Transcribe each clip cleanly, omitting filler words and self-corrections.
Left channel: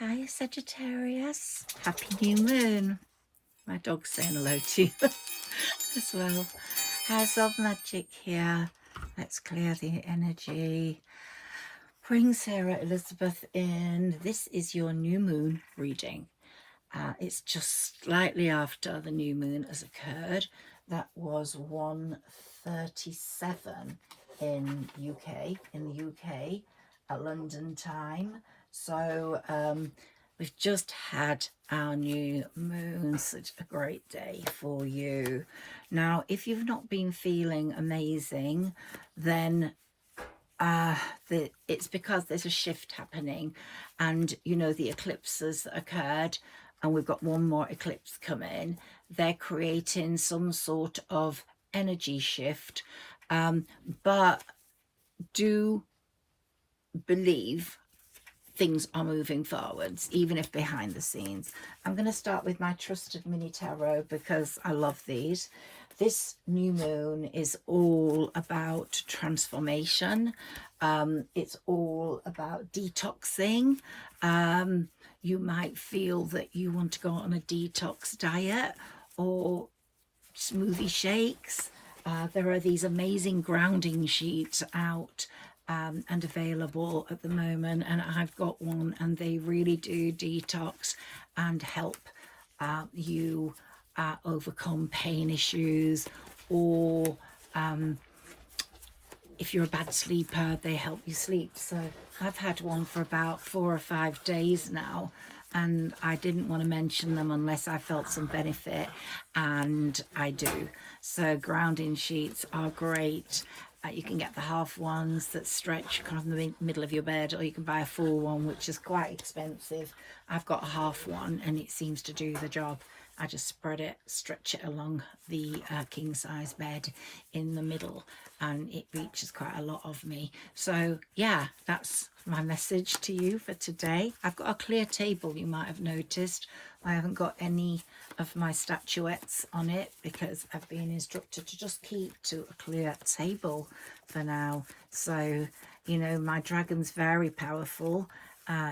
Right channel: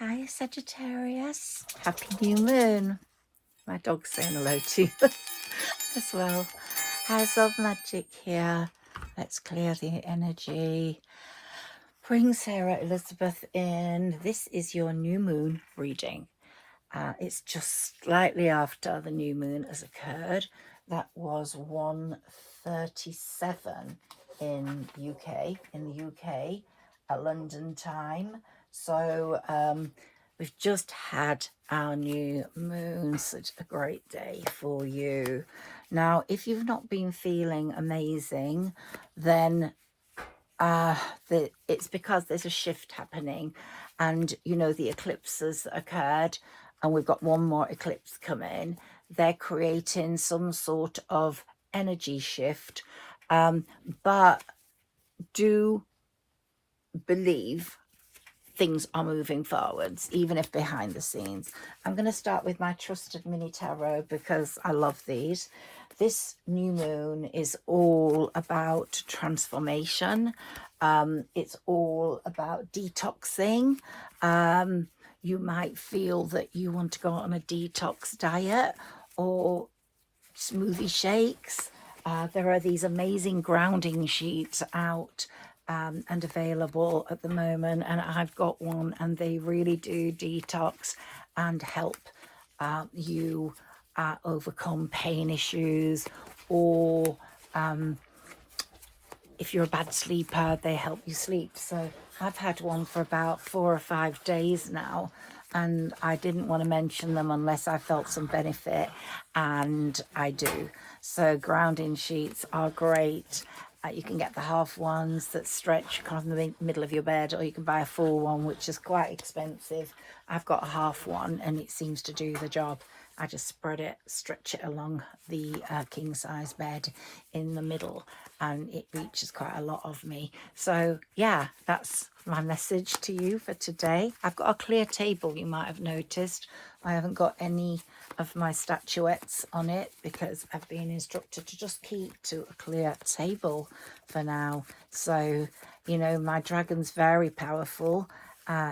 Hi, Sagittarius. Happy new moon. My dog's saying hello to you as well. House of Magic here. Let's clear the energy. Bring Sarah Elizabeth in. This is your new moon reading. It's just slightly after the new moon has occurred. That was 1:37 in the UK, at London time. So we've just had our new moon. Such a great day for you. Now, if you've not been feeling amazing, then it's because there's a shift happening, and you know, the eclipses that occurred, and we've got one more eclipse coming. They're creating some sort of energy shift, but do believe things are moving forwards, even if behind the scenes. I'm going to start with my trusted mini tarot because I love these. This new moon is all about transformation. It's all about detoxing. You might feel that you want to go on a detox diet or smoothie shakes. There are these amazing grounding sheets out and available at the moment, and I've got one, and they really do detox and help you overcome pain issues, or if you're a bad sleeper, they help you sleep. So I've had one for about 4 or 5 days now, and I didn't want to mention them unless I felt some benefit, and I do. So grounding sheets are great. You can get the half ones that stretch across the middle of your bed, or you can buy a full one, which is quite expensive. I've got a half one and it seems to do the job. I just spread it, stretch it along the king size bed in the middle, and it reaches quite a lot of me. So yeah, that's my message to you for today. I've got a clear table, you might have noticed. I haven't got any of my statuettes on it because I've been instructed to just keep to a clear table for now. So, you know, my dragon's very powerful.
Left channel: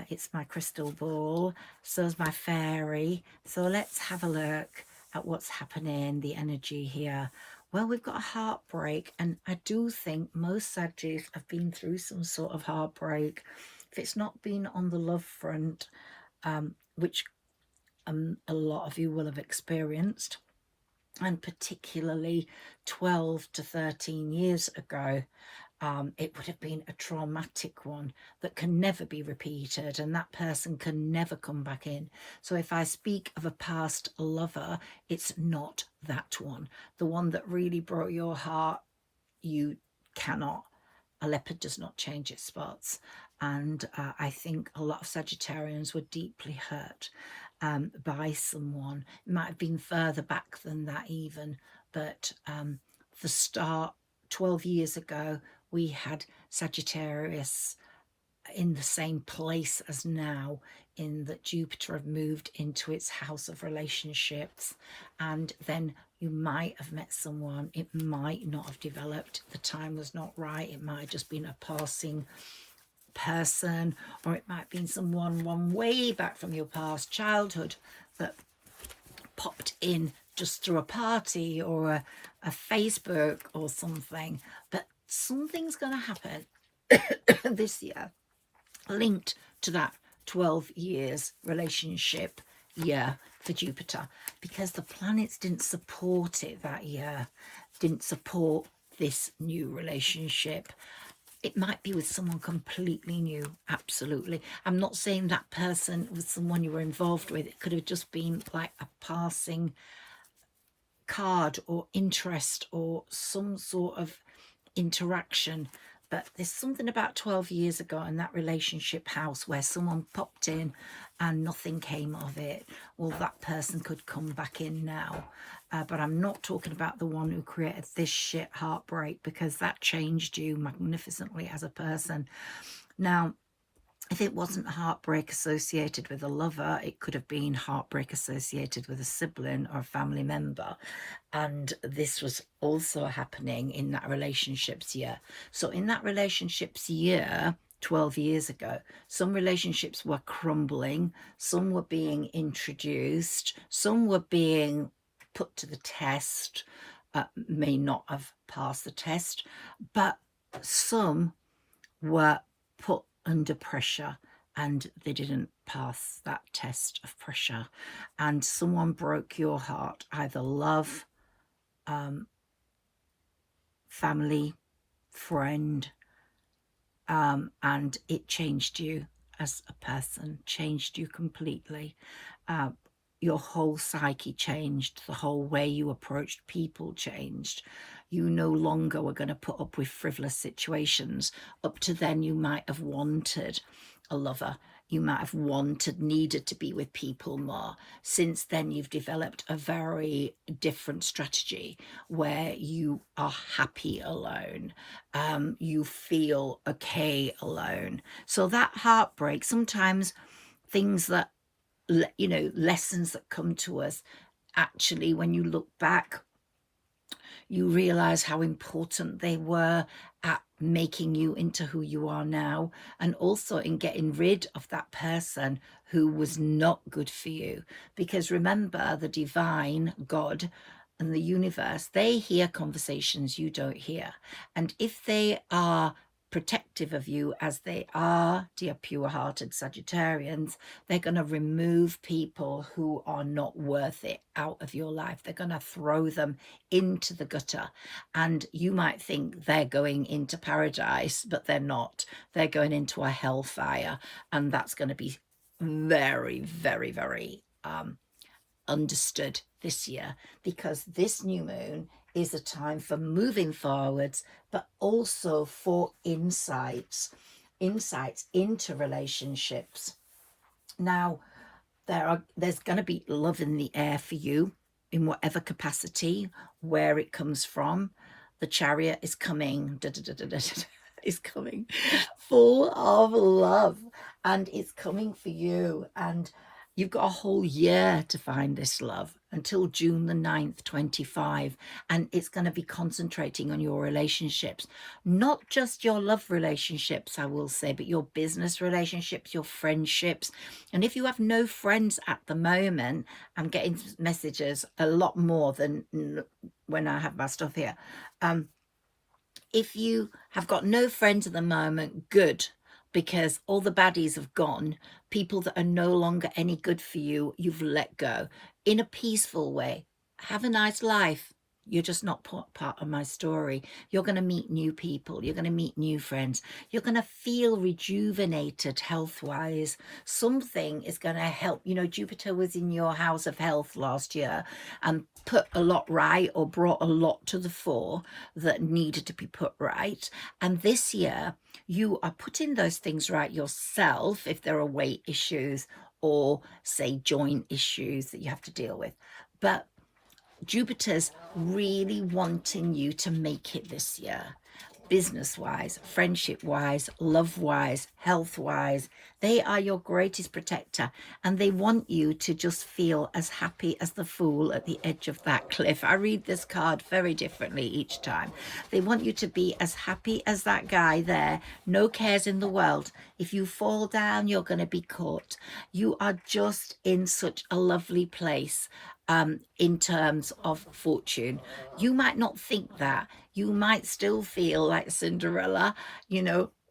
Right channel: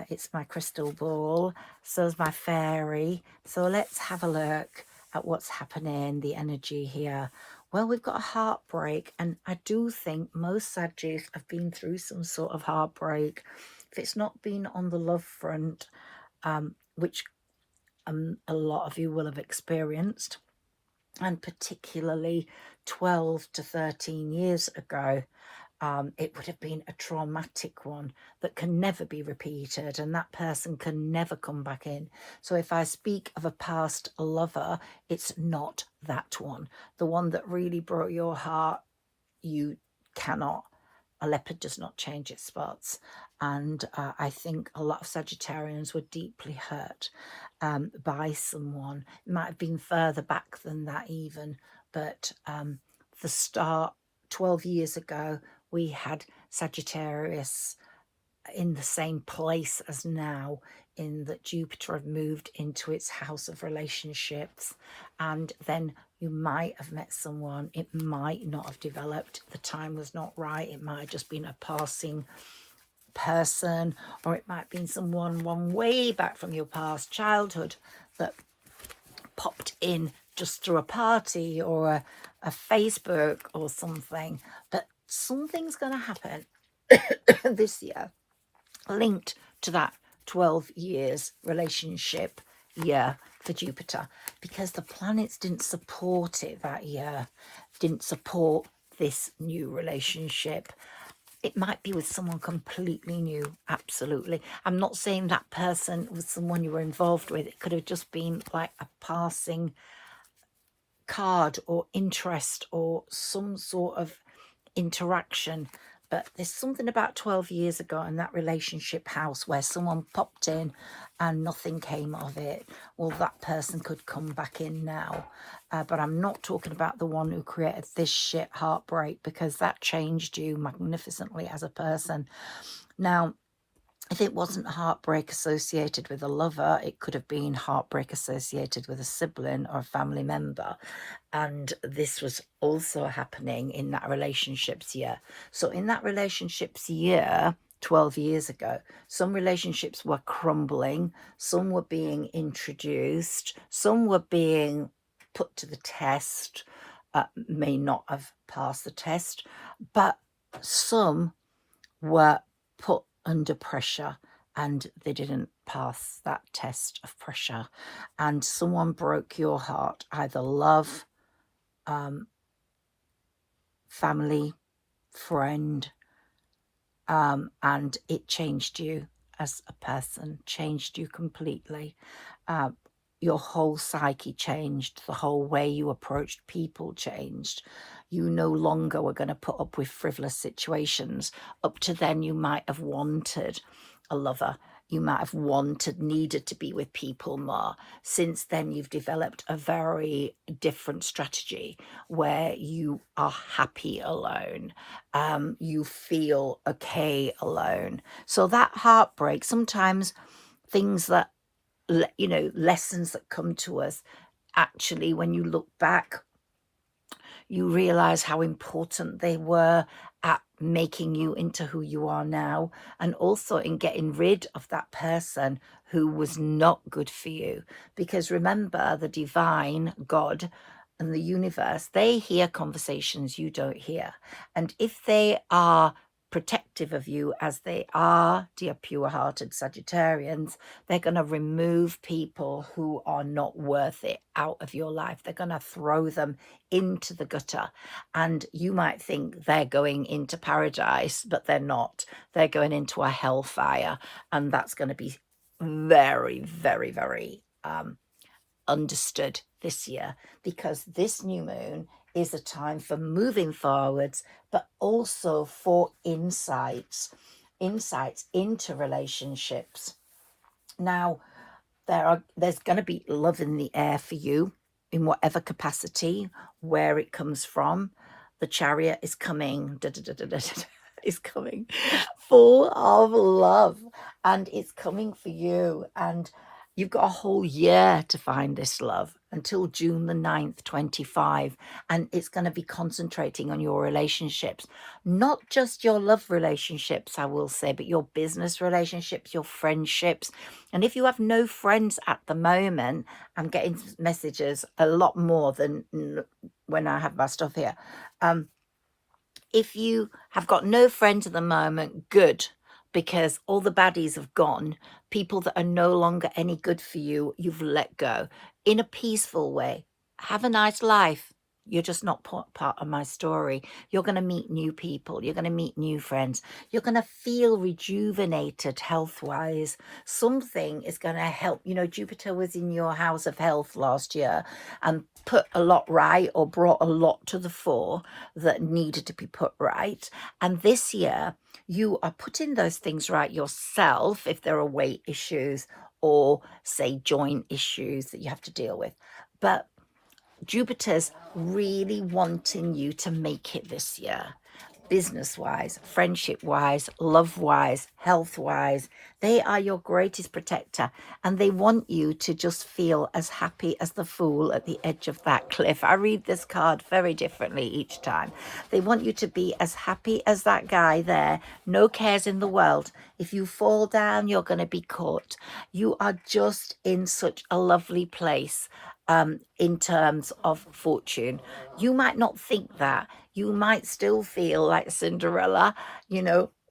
It's my crystal ball, so's my fairy. So let's have a look at what's happening, the energy here. Well, we've got a heartbreak, and I do think most Sagittarius have been through some sort of heartbreak. If it's not been on the love front, which a lot of you will have experienced, and particularly 12 to 13 years ago, it would have been a traumatic one that can never be repeated, and that person can never come back in. So if I speak of a past lover, it's not that one. The one that really broke your heart, you cannot. A leopard does not change its spots. And I think a lot of Sagittarians were deeply hurt by someone. It might have been further back than that even, but the start 12 years ago, we had Sagittarius in the same place as now, in that Jupiter had moved into its house of relationships, and then you might have met someone. It might not have developed. The time was not right. It might have just been a passing person, or it might have been someone one way back from your past childhood that popped in just through a party or a Facebook or something. But something's going to happen this year linked to that 12 years relationship year for Jupiter, because the planets didn't support it that year, didn't support this new relationship. It might be with someone completely new, absolutely. I'm not saying that person was someone you were involved with. It could have just been like a passing card or interest or some sort of interaction. But there's something about 12 years ago in that relationship house where someone popped in and nothing came of it. Well, that person could come back in now. But I'm not talking about the one who created this shit heartbreak, because that changed you magnificently as a person. Now, if it wasn't heartbreak associated with a lover, it could have been heartbreak associated with a sibling or a family member. And this was also happening in that relationships year. So in that relationships year, 12 years ago. Some relationships were crumbling, some were being introduced, some were being put to the test, may not have passed the test, but some were put under pressure and they didn't pass that test of pressure. And someone broke your heart, either love, family, friend, and it changed you as a person, changed you completely. Your whole psyche changed, the whole way you approached people changed. You no longer were going to put up with frivolous situations. Up to then, you might have wanted a lover. You might have needed to be with people more. Since then, you've developed a very different strategy where you are happy alone. You feel okay alone. So that heartbreak, sometimes things that, lessons that come to us, actually, when you look back, you realize how important they were at making you into who you are now, and also in getting rid of that person who was not good for you. Because remember, the divine, God, and the universe, they hear conversations you don't hear. And if they are protective of you, as they are, dear pure-hearted Sagittarians, they're going to remove people who are not worth it out of your life. They're going to throw them into the gutter. And you might think they're going into paradise, but they're not. They're going into a hellfire. And that's going to be very, very, very understood this year, because this new moon is a time for moving forwards, but also for insights into relationships. Now, there's going to be love in the air for you in whatever capacity, where it comes from. The Chariot is coming, is coming full of love, and it's coming for you. And you've got a whole year to find this love, until June the 9th, 25. And it's going to be concentrating on your relationships, not just your love relationships, I will say, but your business relationships, your friendships. And if you have no friends at the moment, I'm getting messages a lot more than when I have my stuff here. If you have got no friends at the moment, good, because all the baddies have gone. People that are no longer any good for you, you've let go in a peaceful way. Have a nice life. You're just not part of my story. You're going to meet new people. You're going to meet new friends. You're going to feel rejuvenated health-wise. Something is going to help. Jupiter was in your house of health last year and put a lot right, or brought a lot to the fore that needed to be put right. And this year, you are putting those things right yourself, if there are weight issues or, say, joint issues that you have to deal with. But Jupiter's really wanting you to make it this year. Business-wise, friendship-wise, love-wise, health-wise. They are your greatest protector, and they want you to just feel as happy as the fool at the edge of that cliff. I read this card very differently each time. They want you to be as happy as that guy there, no cares in the world. If you fall down, you're going to be caught. You are just in such a lovely place. In terms of fortune, you might not think that. You might still feel like Cinderella,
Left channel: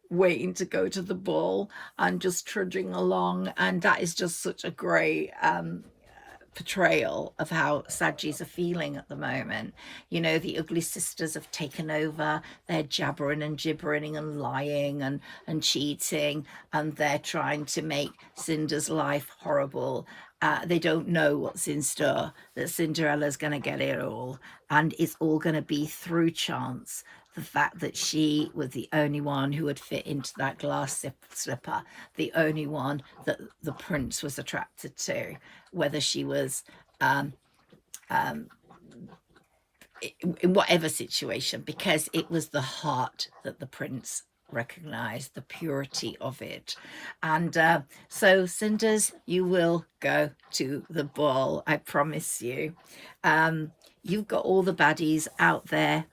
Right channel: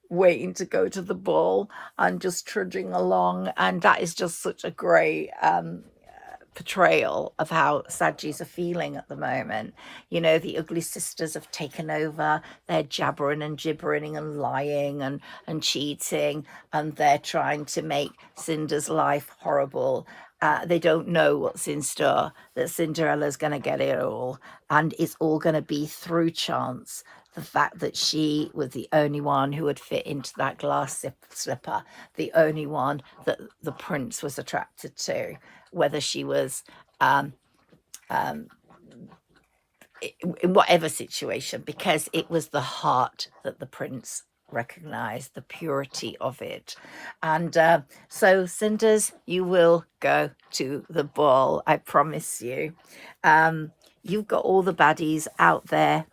waiting to go to the ball and just trudging along. And that is just such a great portrayal of how Saggis are feeling at the moment. The ugly sisters have taken over. They're jabbering and gibbering and lying and cheating, and they're trying to make Cinder's life horrible. They don't know what's in store, that Cinderella's going to get it all, and it's all going to be through chance. The fact that she was the only one who would fit into that glass slipper, the only one that the prince was attracted to, whether she was in whatever situation, because it was the heart that the prince recognized, the purity of it. And so Cinders, you will go to the ball, I promise you. You've got all the baddies out there,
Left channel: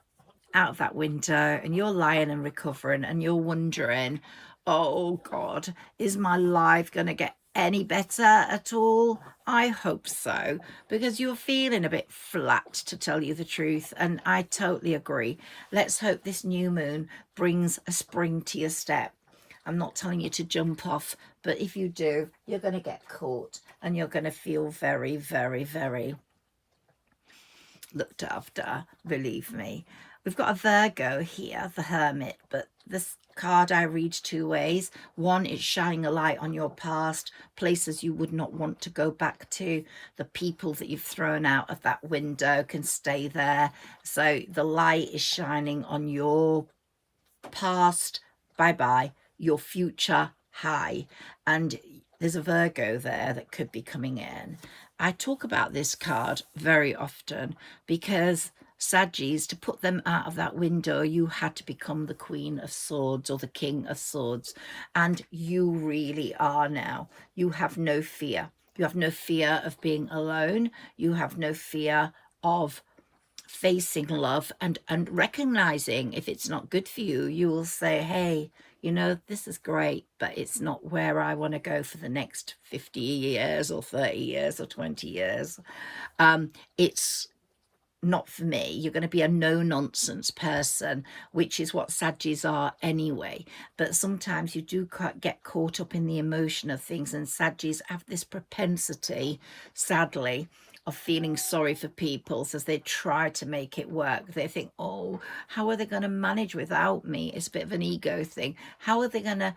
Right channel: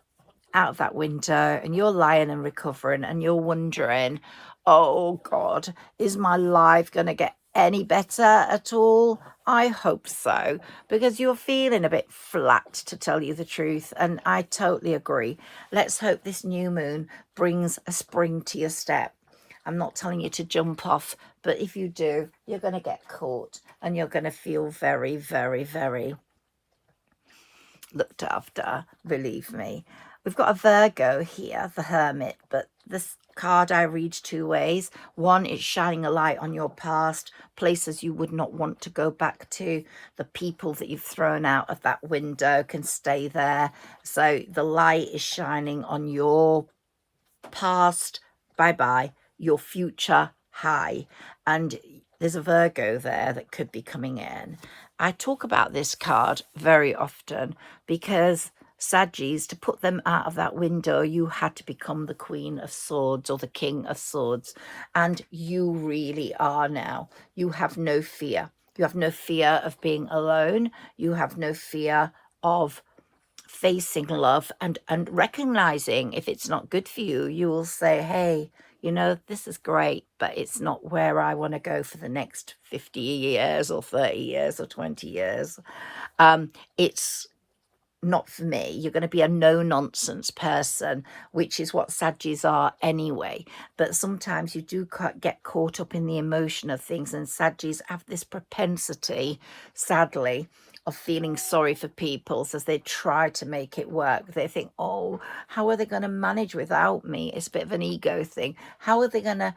out of that window, and you're lying and recovering, and you're wondering, oh God, is my life going to get any better at all? I hope so, because you're feeling a bit flat, to tell you the truth, and I totally agree. Let's hope this new moon brings a spring to your step. I'm not telling you to jump off, but if you do, you're going to get caught and you're going to feel very, very, very looked after, believe me. We've got a Virgo here, the Hermit, but this card I read two ways. One, it's shining a light on your past, places you would not want to go back to. The people that you've thrown out of that window can stay there. So the light is shining on your past, bye-bye, your future, high. And there's a Virgo there that could be coming in. I talk about this card very often because Saggis, to put them out of that window, you had to become the Queen of Swords or the King of Swords. And you really are now. You have no fear. You have no fear of being alone. You have no fear of facing love and recognizing if it's not good for you. You will say, hey, you know, this is great, but it's not where I want to go for the next 50 years or 30 years or 20 years. It's not for me. You're going to be a no-nonsense person, which is what Saggis are anyway. But sometimes you do get caught up in the emotion of things, and Saggis have this propensity, sadly, of feeling sorry for people as they try to make it work. They think, oh, how are they going to manage without me? It's a bit of an ego thing. How are they going to,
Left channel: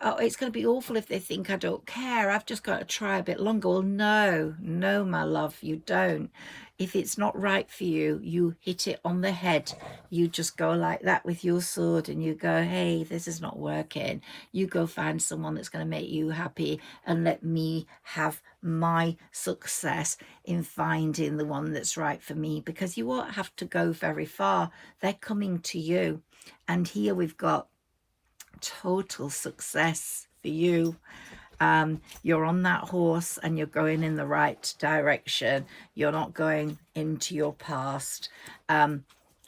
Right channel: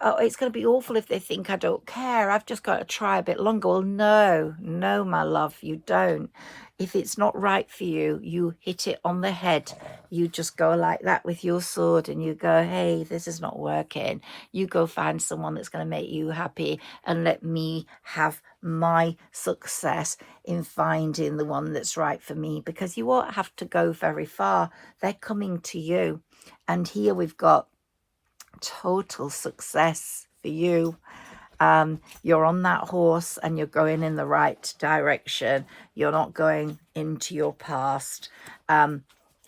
oh, it's going to be awful if they think I don't care. I've just got to try a bit longer. Well, no, my love, you don't. If it's not right for you, you hit it on the head. You just go like that with your sword and you go, hey, this is not working. You go find someone that's going to make you happy and let me have my success in finding the one that's right for me, because you won't have to go very far. They're coming to you. And here we've got total success for you. You're on that horse and you're going in the right direction. You're not going into your past.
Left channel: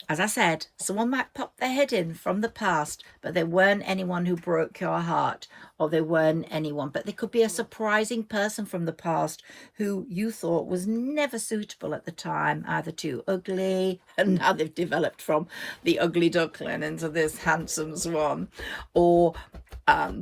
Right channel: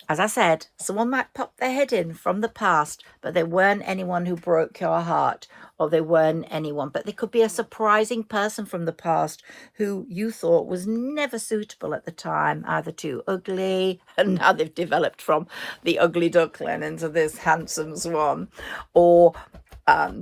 As I said, someone might pop their head in from the past, but they weren't anyone who broke your heart, or they weren't anyone, but they could be a surprising person from the past who you thought was never suitable at the time, either too ugly, and now they've developed from the ugly duckling into this handsome swan, or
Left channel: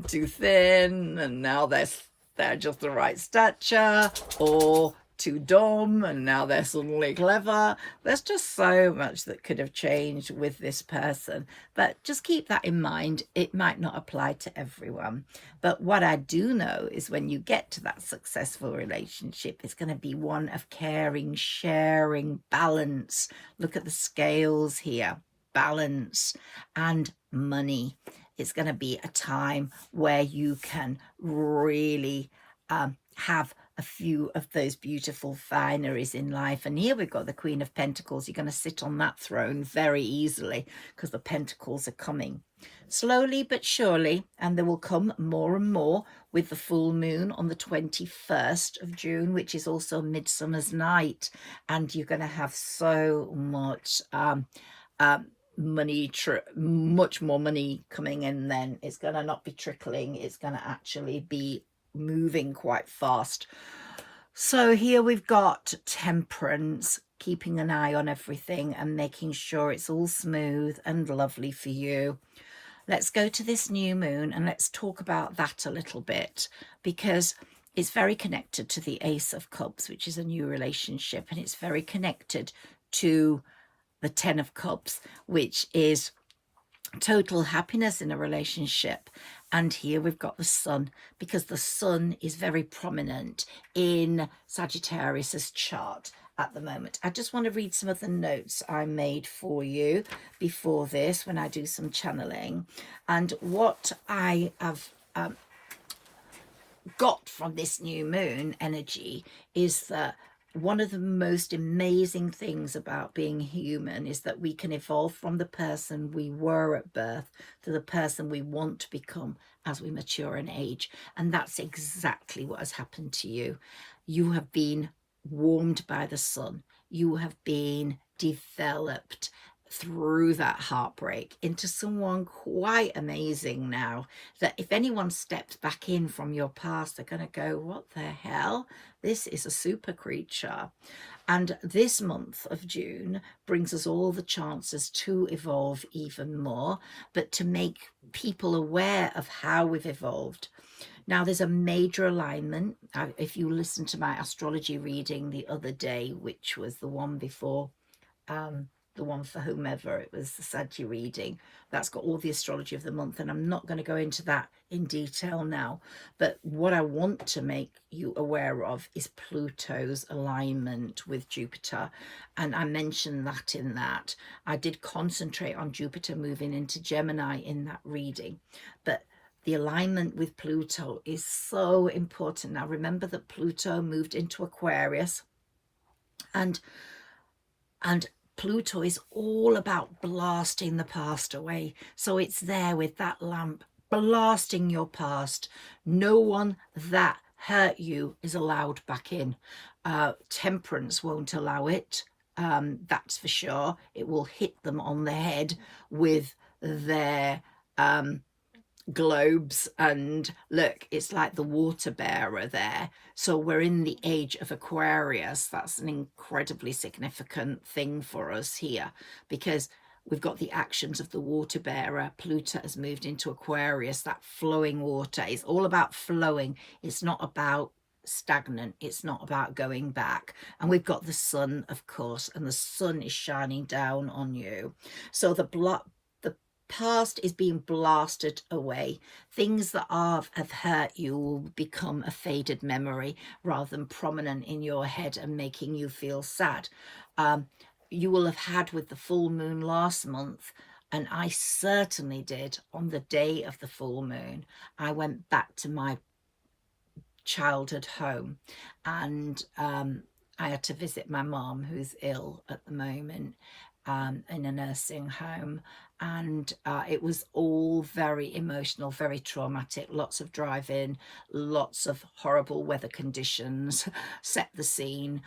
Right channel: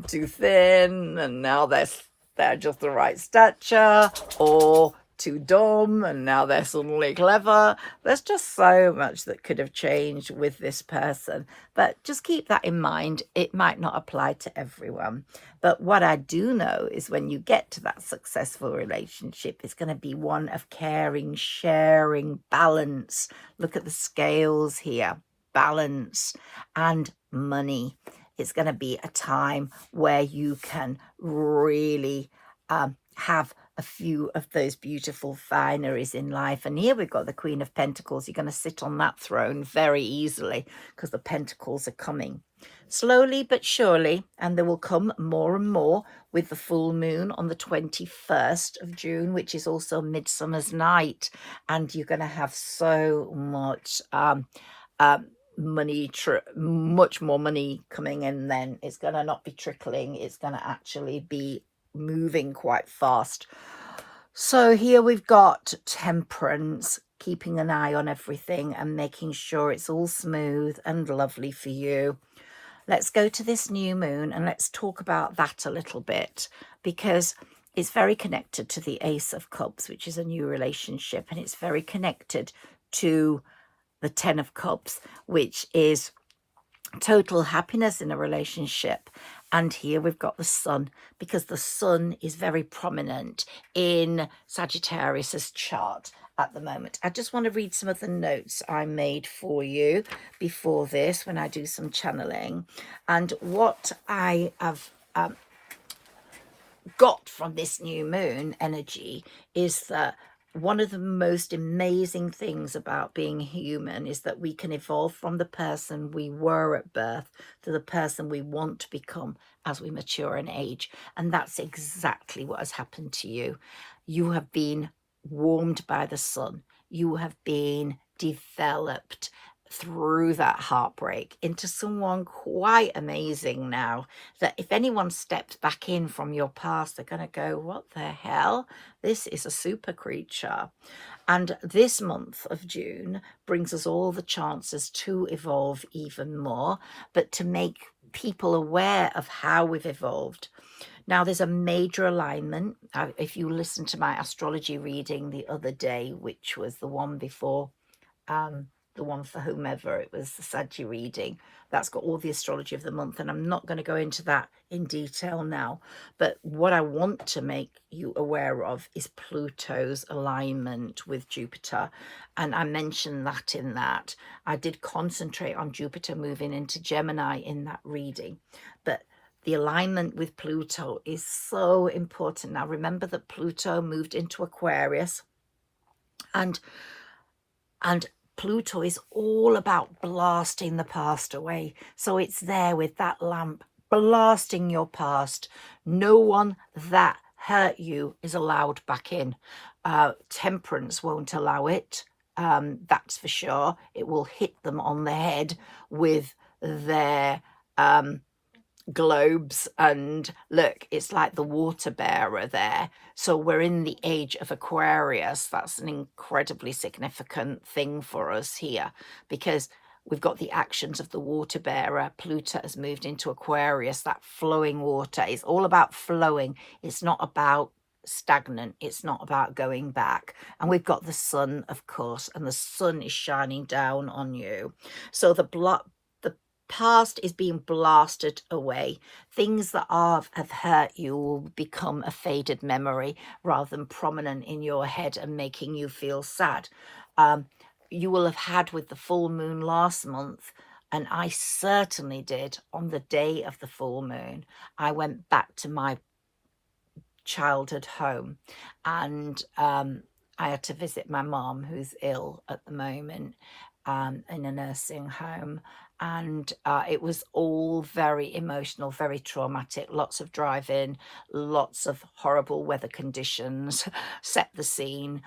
too thin and now they're just the right stature, or too dumb and now they're suddenly clever. There's just so much that could have changed with this person, but just keep that in mind. It might not apply to everyone, but what I do know is when you get to that successful relationship, it's going to be one of caring, sharing, balance. Look at the scales here, balance and money. It's going to be a time where you can really have a few of those beautiful fineries in life. And here we've got the Queen of Pentacles. You're going to sit on that throne very easily because the Pentacles are coming slowly but surely, and they will come more and more with the full moon on the 21st of June, which is also Midsummer's Night. And you're going to have so much money, much more money coming in. Then it's going to not be trickling, it's going to actually be moving quite fast. So here we've got Temperance, keeping an eye on everything and making sure it's all smooth and lovely for you. Let's go to this new moon and let's talk about that a little bit, because it's very connected to the Ace of Cups, which is a new relationship, and it's very connected to the 10 of Cups, which is total happiness in a relationship. And here we've got the sun, because the sun is very prominent in Sagittarius's chart at the moment. I just want to read some of the notes I made for you before this when I do some channeling. And what I have got from this new moon energy is that one of the most amazing things about being human is that we can evolve from the person we were at birth to the person we want to become as we mature in age. And that's exactly what has happened to you. You have been warmed by the sun. You have been developed through that heartbreak into someone quite amazing now, that if anyone steps back in from your past, they're going to go, what the hell? This is a super creature. And this month of June brings us all the chances to evolve even more, but to make people aware of how we've evolved. Now, there's a major alignment. If you listen to my astrology reading the other day, which was the one before, the one for whomever, it was the Saggis reading, that's got all the astrology of the month, and I'm not going to go into that in detail now. But what I want to make you aware of is Pluto's alignment with Jupiter. And I mentioned that in that. I did concentrate on Jupiter moving into Gemini in that reading. But the alignment with Pluto is so important. Now, remember that Pluto moved into Aquarius, and Pluto is all about blasting the past away. So it's there with that lamp, blasting your past. No one that hurt you is allowed back in. Temperance won't allow it. That's for sure. It will hit them on the head with their globes, and look, it's like the water bearer there. So we're in the age of Aquarius. That's an incredibly significant thing for us here, because we've got the actions of the water bearer. Pluto has moved into Aquarius, that flowing water. It's all about flowing. It's not about stagnant. It's not about going back. And we've got the sun, of course, and the sun is shining down on you. So the past is being blasted away. Things that have hurt you will become a faded memory rather than prominent in your head and making you feel sad. You will have had with the full moon last month, and I certainly did on the day of the full moon. I went back to my childhood home, and I had to visit my mom, who's ill at the moment, in a nursing home. And it was all very emotional, very traumatic, lots of driving, lots of horrible weather conditions, set the scene,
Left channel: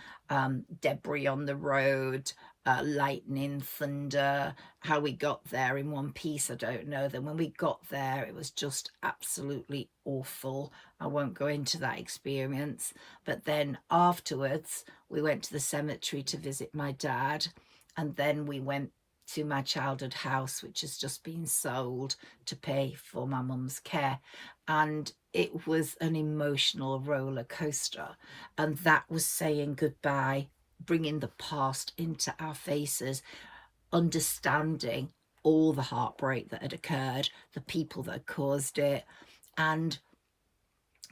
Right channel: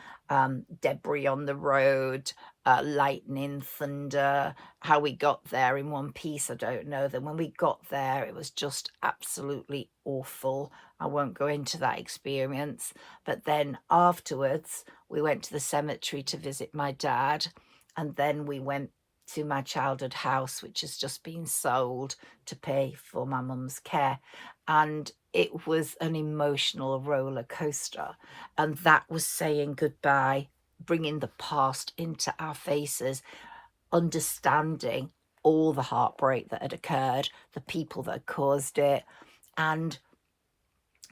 debris on the road, lightning, thunder. How we got there in one piece, I don't know. Then when we got there, it was just absolutely awful. I won't go into that experience. But then afterwards, we went to the cemetery to visit my dad, and then we went to my childhood house, which has just been sold to pay for my mum's care. And it was an emotional roller coaster. And that was saying goodbye, bringing the past into our faces, understanding all the heartbreak that had occurred, the people that had caused it, and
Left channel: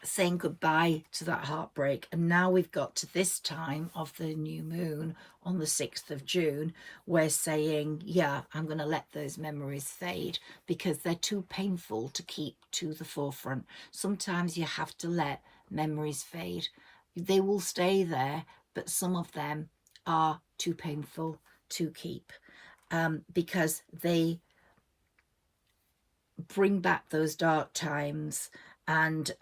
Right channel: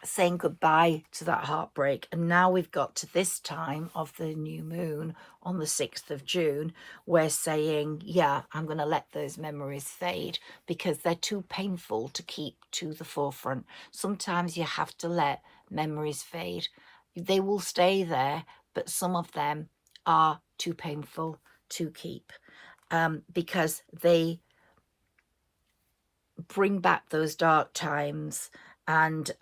saying goodbye to that heartbreak. And now we've got to this time of the new moon on the 6th of June, we're saying, yeah, I'm going to let those memories fade because they're too painful to keep to the forefront. Sometimes you have to let memories fade. They will stay there, but some of them are too painful to keep, because they bring back those dark times. And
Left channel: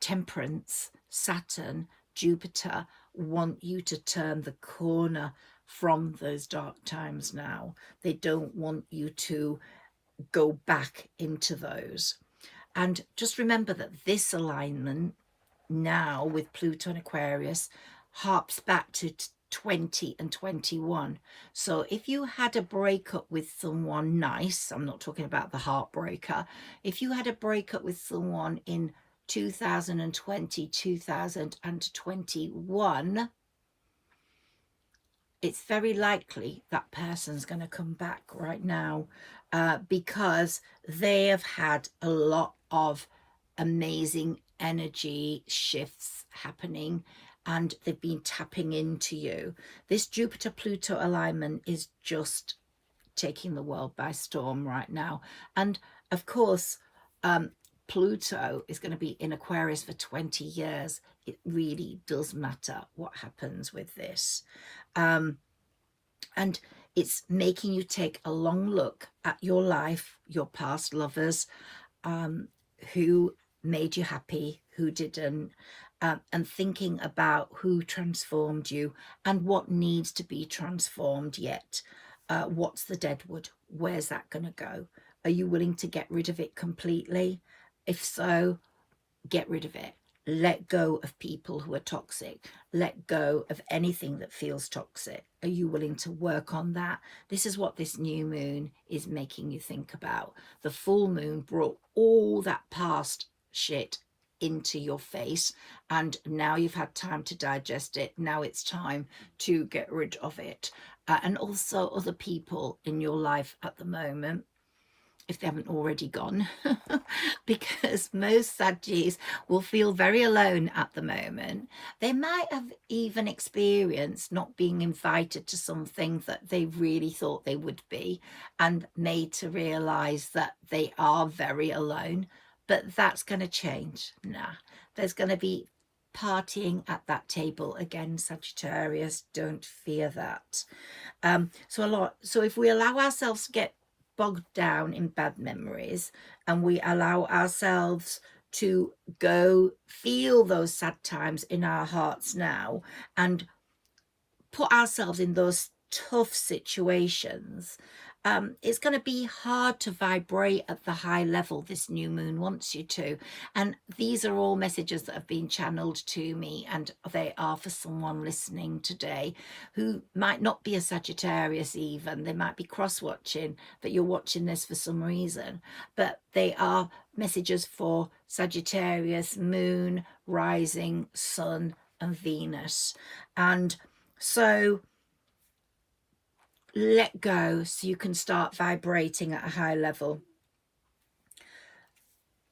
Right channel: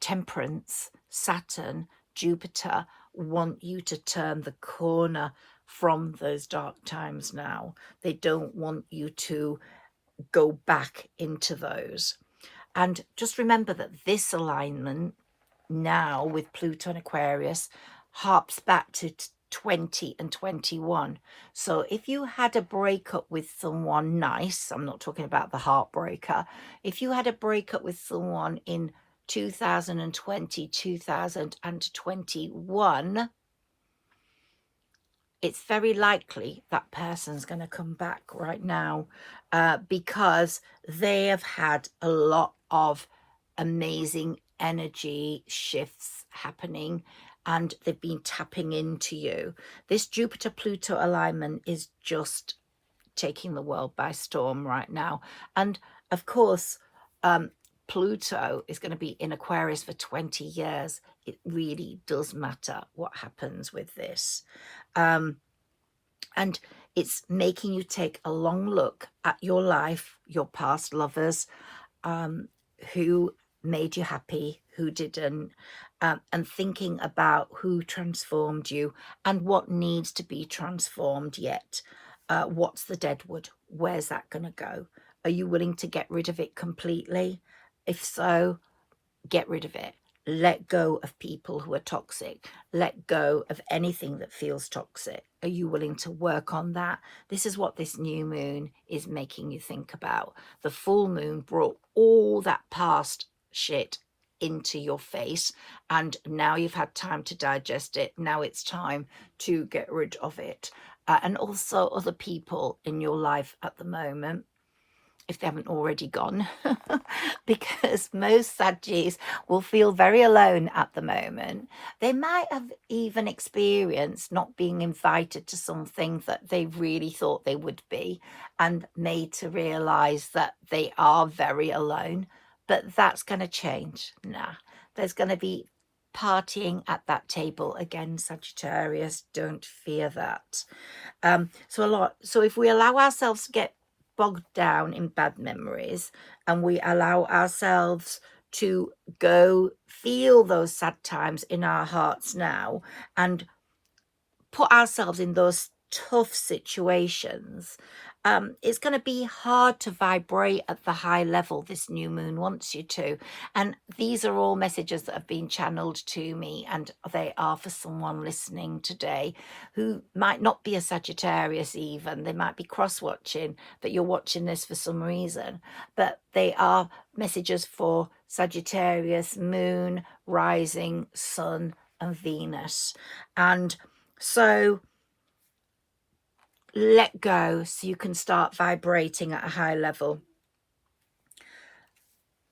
Temperance, Saturn, Jupiter want you to turn the corner from those dark times now. They don't want you to go back into those. And just remember that this alignment now with Pluto and Aquarius harps back to 20 and 21. So if you had a breakup with someone nice, I'm not talking about the heartbreaker, if you had a breakup with someone in 2020, 2021, it's very likely that person's going to come back right now, because they have had a lot of amazing energy shifts happening, and they've been tapping into you. This Jupiter-Pluto alignment is just taking the world by storm right now. And of course, Pluto is going to be in Aquarius for 20 years. It really does matter what happens with this. And it's making you take a long look at your life, your past lovers, who made you happy, who didn't, and thinking about who transformed you and what needs to be transformed yet. What's the deadwood? Where's that going to go? Are you willing to get rid of it completely? If so, get rid of it. Let go of people who are toxic. Let go of anything that feels toxic. Are you willing to work on that? This is what this new moon is making you think about. The full moon brought all that past shit into your face, and now you've had time to digest it. Now it's time to get rid of it. And also other people in your life at the moment, if they haven't already gone, because most Saggis will feel very alone at the moment. They might have even experienced not being invited to something that they really thought they would be, and made to realize that they are very alone. But that's going to change. Nah, there's going to be partying at that table again, Sagittarius. Don't fear that. So if we allow ourselves to get bogged down in bad memories, and we allow ourselves to go feel those sad times in our hearts now, and put ourselves in those tough situations, it's going to be hard to vibrate at the high level this new moon wants you to. And these are all messages that have been channeled to me, and they are for someone listening today who might not be a Sagittarius even. They might be cross-watching, but you're watching this for some reason. But they are messages for Sagittarius, moon, rising, sun, and Venus. And so let go so you can start vibrating at a high level.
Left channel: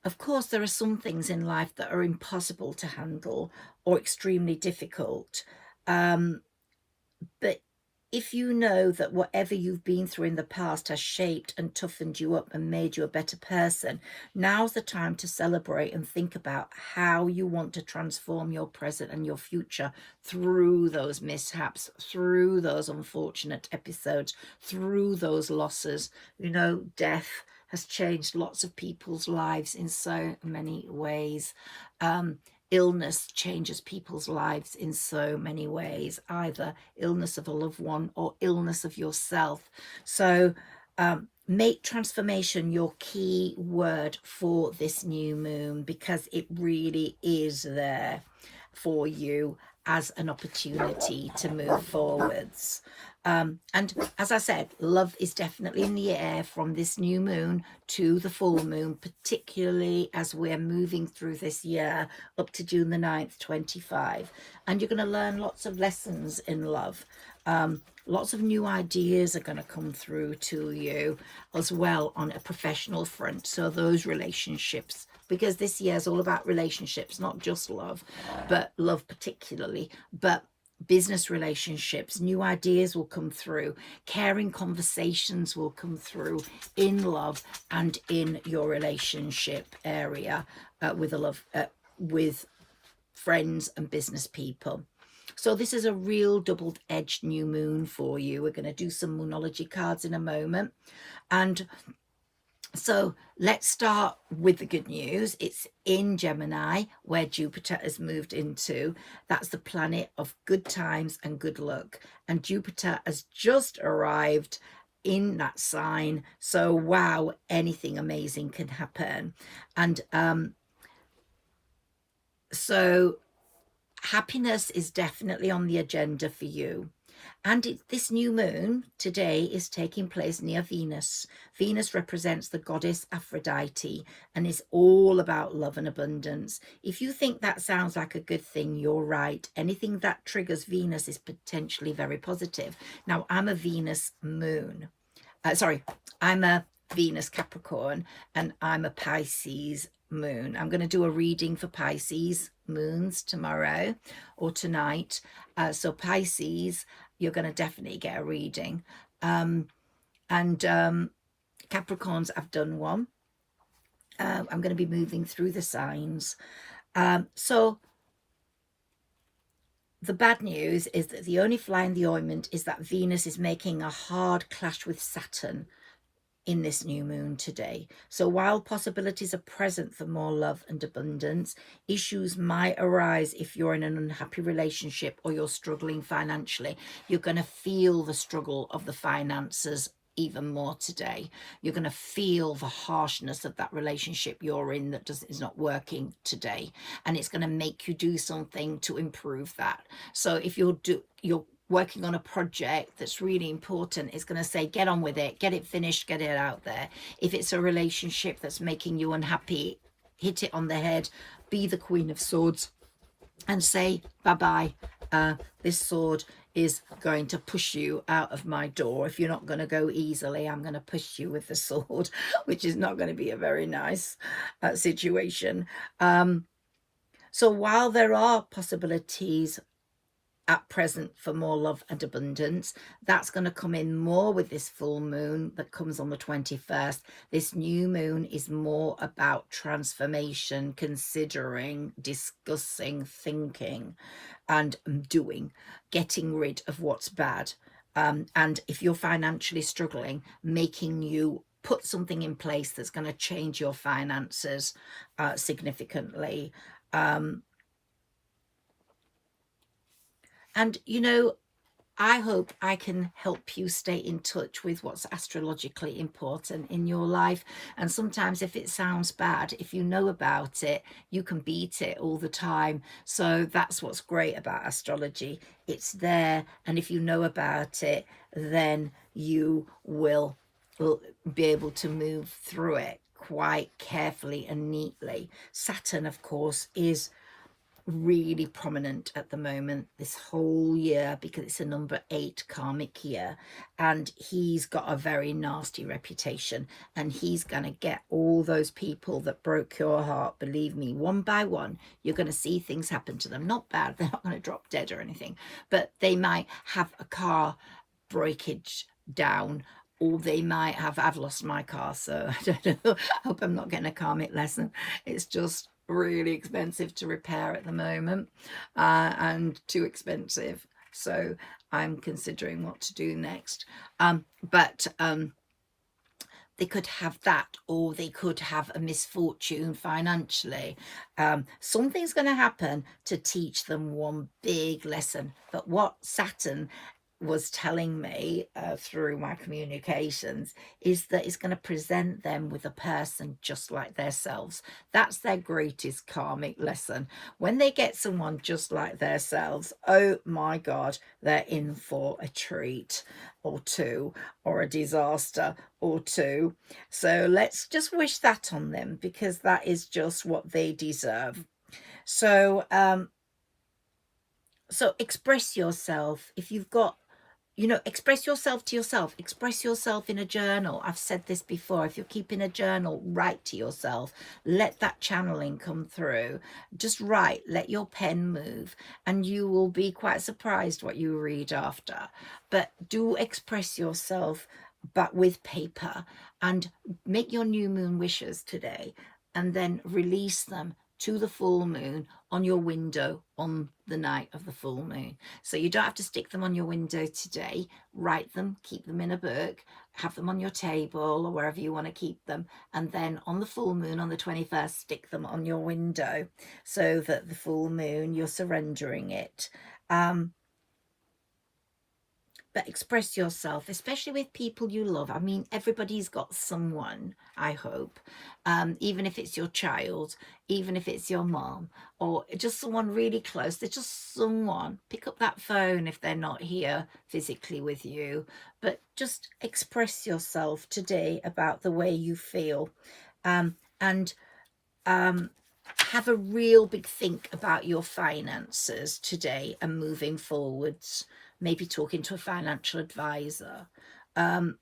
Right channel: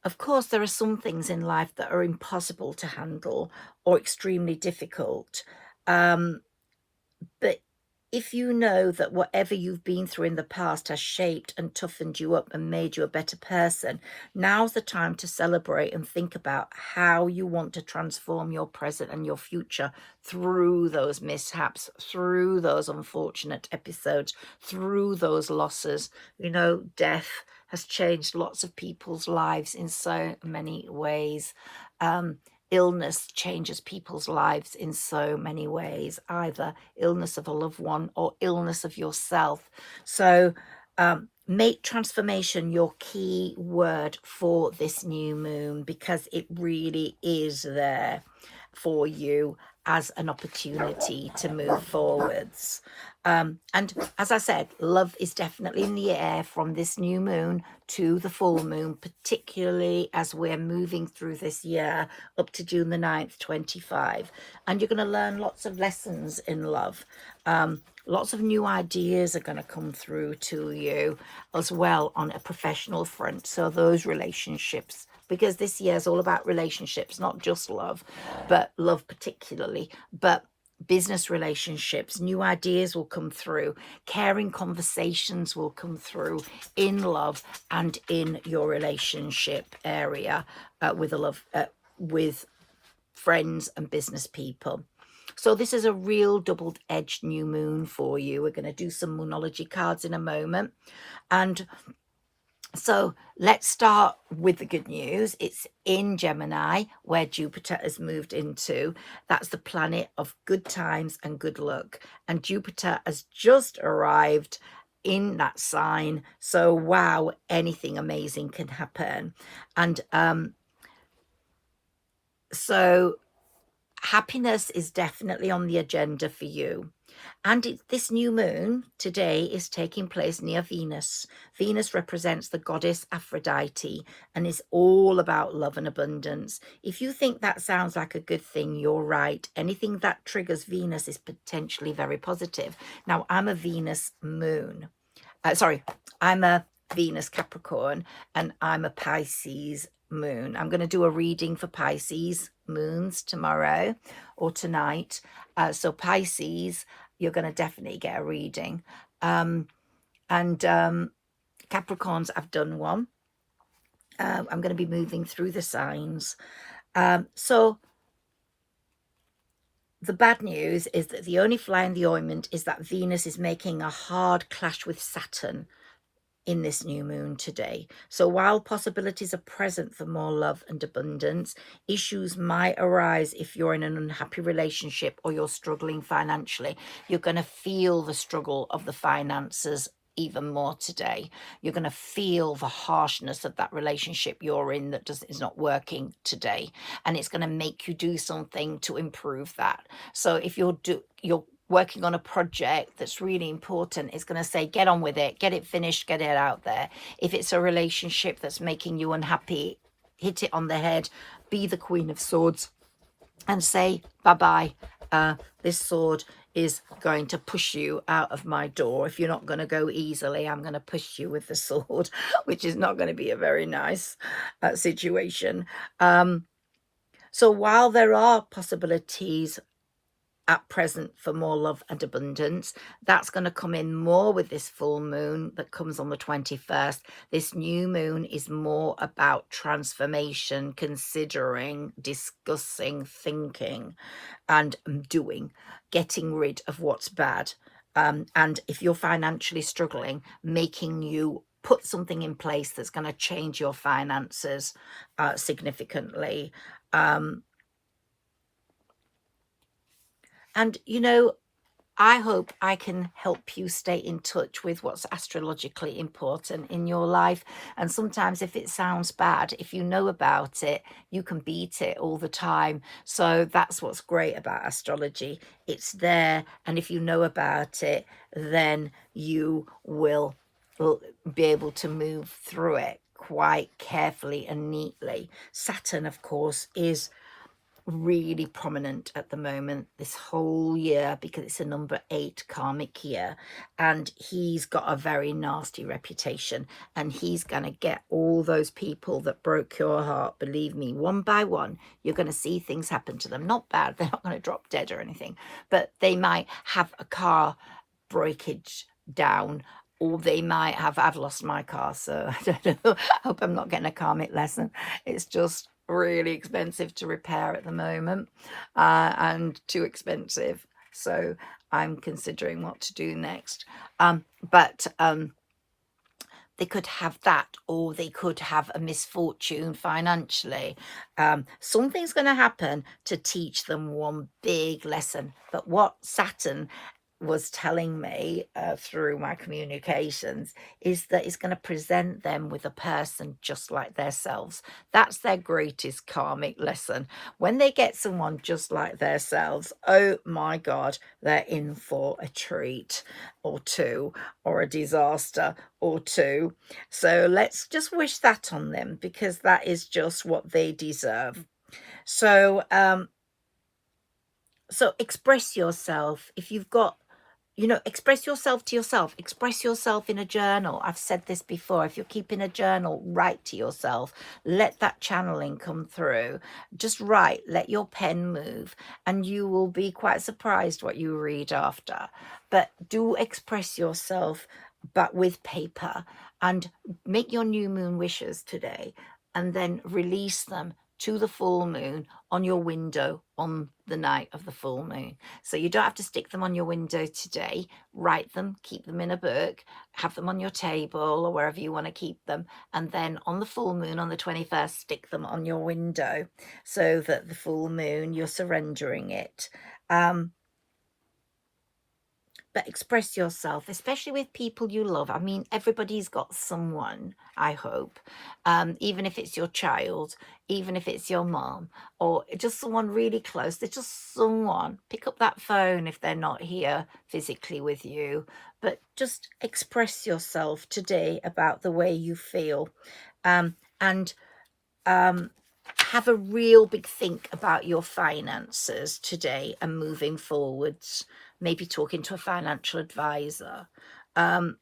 Of course, there are some things in life that are impossible to handle or extremely difficult. But if you know that whatever you've been through in the past has shaped and toughened you up and made you a better person, now's the time to celebrate and think about how you want to transform your present and your future through those mishaps, through those unfortunate episodes, through those losses. You know, death has changed lots of people's lives in so many ways. Illness changes people's lives in so many ways, either illness of a loved one or illness of yourself. So make transformation your key word for this new moon, because it really is there for you as an opportunity to move forwards. And as I said, love is definitely in the air from this new moon to the full moon, particularly as we're moving through this year up to June the 9th, 25. And you're going to learn lots of lessons in love. Lots of new ideas are going to come through to you as well on a professional front. So those relationships, because this year is all about relationships, not just love, but love particularly, but business relationships. New ideas will come through. Caring conversations will come through in love and in your relationship area with friends and business people. So this is a real double-edged new moon for you. We're going to do some moonology cards in a moment. And so let's start with the good news. It's in Gemini, where Jupiter has moved into. That's the planet of good times and good luck. And Jupiter has just arrived in that sign. So wow, anything amazing can happen. And so happiness is definitely on the agenda for you. And this new moon today is taking place near Venus. Venus represents the goddess Aphrodite and is all about love and abundance. If you think that sounds like a good thing, you're right. Anything that triggers Venus is potentially very positive. Now, I'm a Venus moon. I'm a Venus Capricorn, and I'm a Pisces moon. I'm going to do a reading for Pisces moons tomorrow or tonight. So Pisces, you're going to definitely get a reading. And Capricorns, I've done one. I'm going to be moving through the signs. So the bad news is that the only fly in the ointment is that Venus is making a hard clash with Saturn in this new moon today. So while possibilities are present for more love and abundance, issues might arise if you're in an unhappy relationship or you're struggling financially. You're going to feel the struggle of the finances even more today. You're going to feel the harshness of that relationship you're in that is not working today, and it's going to make you do something to improve that. So if you're working on a project that's really important, it's going to say get on with it, get it finished, get it out there. If it's a relationship that's making you unhappy, hit it on the head, be the Queen of Swords and say bye-bye. This sword is going to push you out of my door. If you're not going to go easily, I'm going to push you with the sword, which is not going to be a very nice situation. So while there are possibilities at present for more love and abundance, that's going to come in more with this full moon that comes on the 21st. This new moon is more about transformation, considering, discussing, thinking and doing, getting rid of what's bad. And if you're financially struggling, making you put something in place that's going to change your finances significantly. And, you know, I hope I can help you stay in touch with what's astrologically important in your life. And sometimes if it sounds bad, if you know about it, you can beat it all the time. So that's what's great about astrology. It's there. And if you know about it, then you will be able to move through it quite carefully and neatly. Saturn, of course, is really prominent at the moment this whole year because it's a number 8 karmic year, and he's got a very nasty reputation, and he's going to get all those people that broke your heart. Believe me, one by one you're going to see things happen to them. Not bad, they're not going to drop dead or anything, but they might have a car breakage down, or they might have, I've lost my car, so I don't know, I hope I'm not getting a karmic lesson. It's just really expensive to repair at the moment, and too expensive, so I'm considering what to do next. But they could have that, or they could have a misfortune financially. Something's going to happen to teach them one big lesson. But what Saturn was telling me through my communications is that it's going to present them with a person just like themselves. That's their greatest karmic lesson. When they get someone just like themselves, oh my God, they're in for a treat or two, or a disaster or two. So let's just wish that on them, because that is just what they deserve. So so express yourself. If you've got, you know, express yourself to yourself. Express yourself in a journal. I've said this before. If you're keeping a journal, write to yourself. Let that channeling come through. Just write. Let your pen move. And you will be quite surprised what you read after. But do express yourself, but with paper. And make your new moon wishes today. And then release them to the full moon on your window on the night of the full moon. So you don't have to stick them on your window today. Write them, keep them in a book, have them on your table or wherever you want to keep them. And then on the full moon on the 21st, stick them on your window, so that the full moon, you're surrendering it. But express yourself, especially with people you love. I mean, everybody's got someone, I hope, even if it's your child, even if it's your mom, or just someone really close. There's just someone. Pick up that phone if they're not here physically with you, but just express yourself today about the way you feel, and have a real big think about your finances today and moving forwards. Maybe talking to a financial advisor. And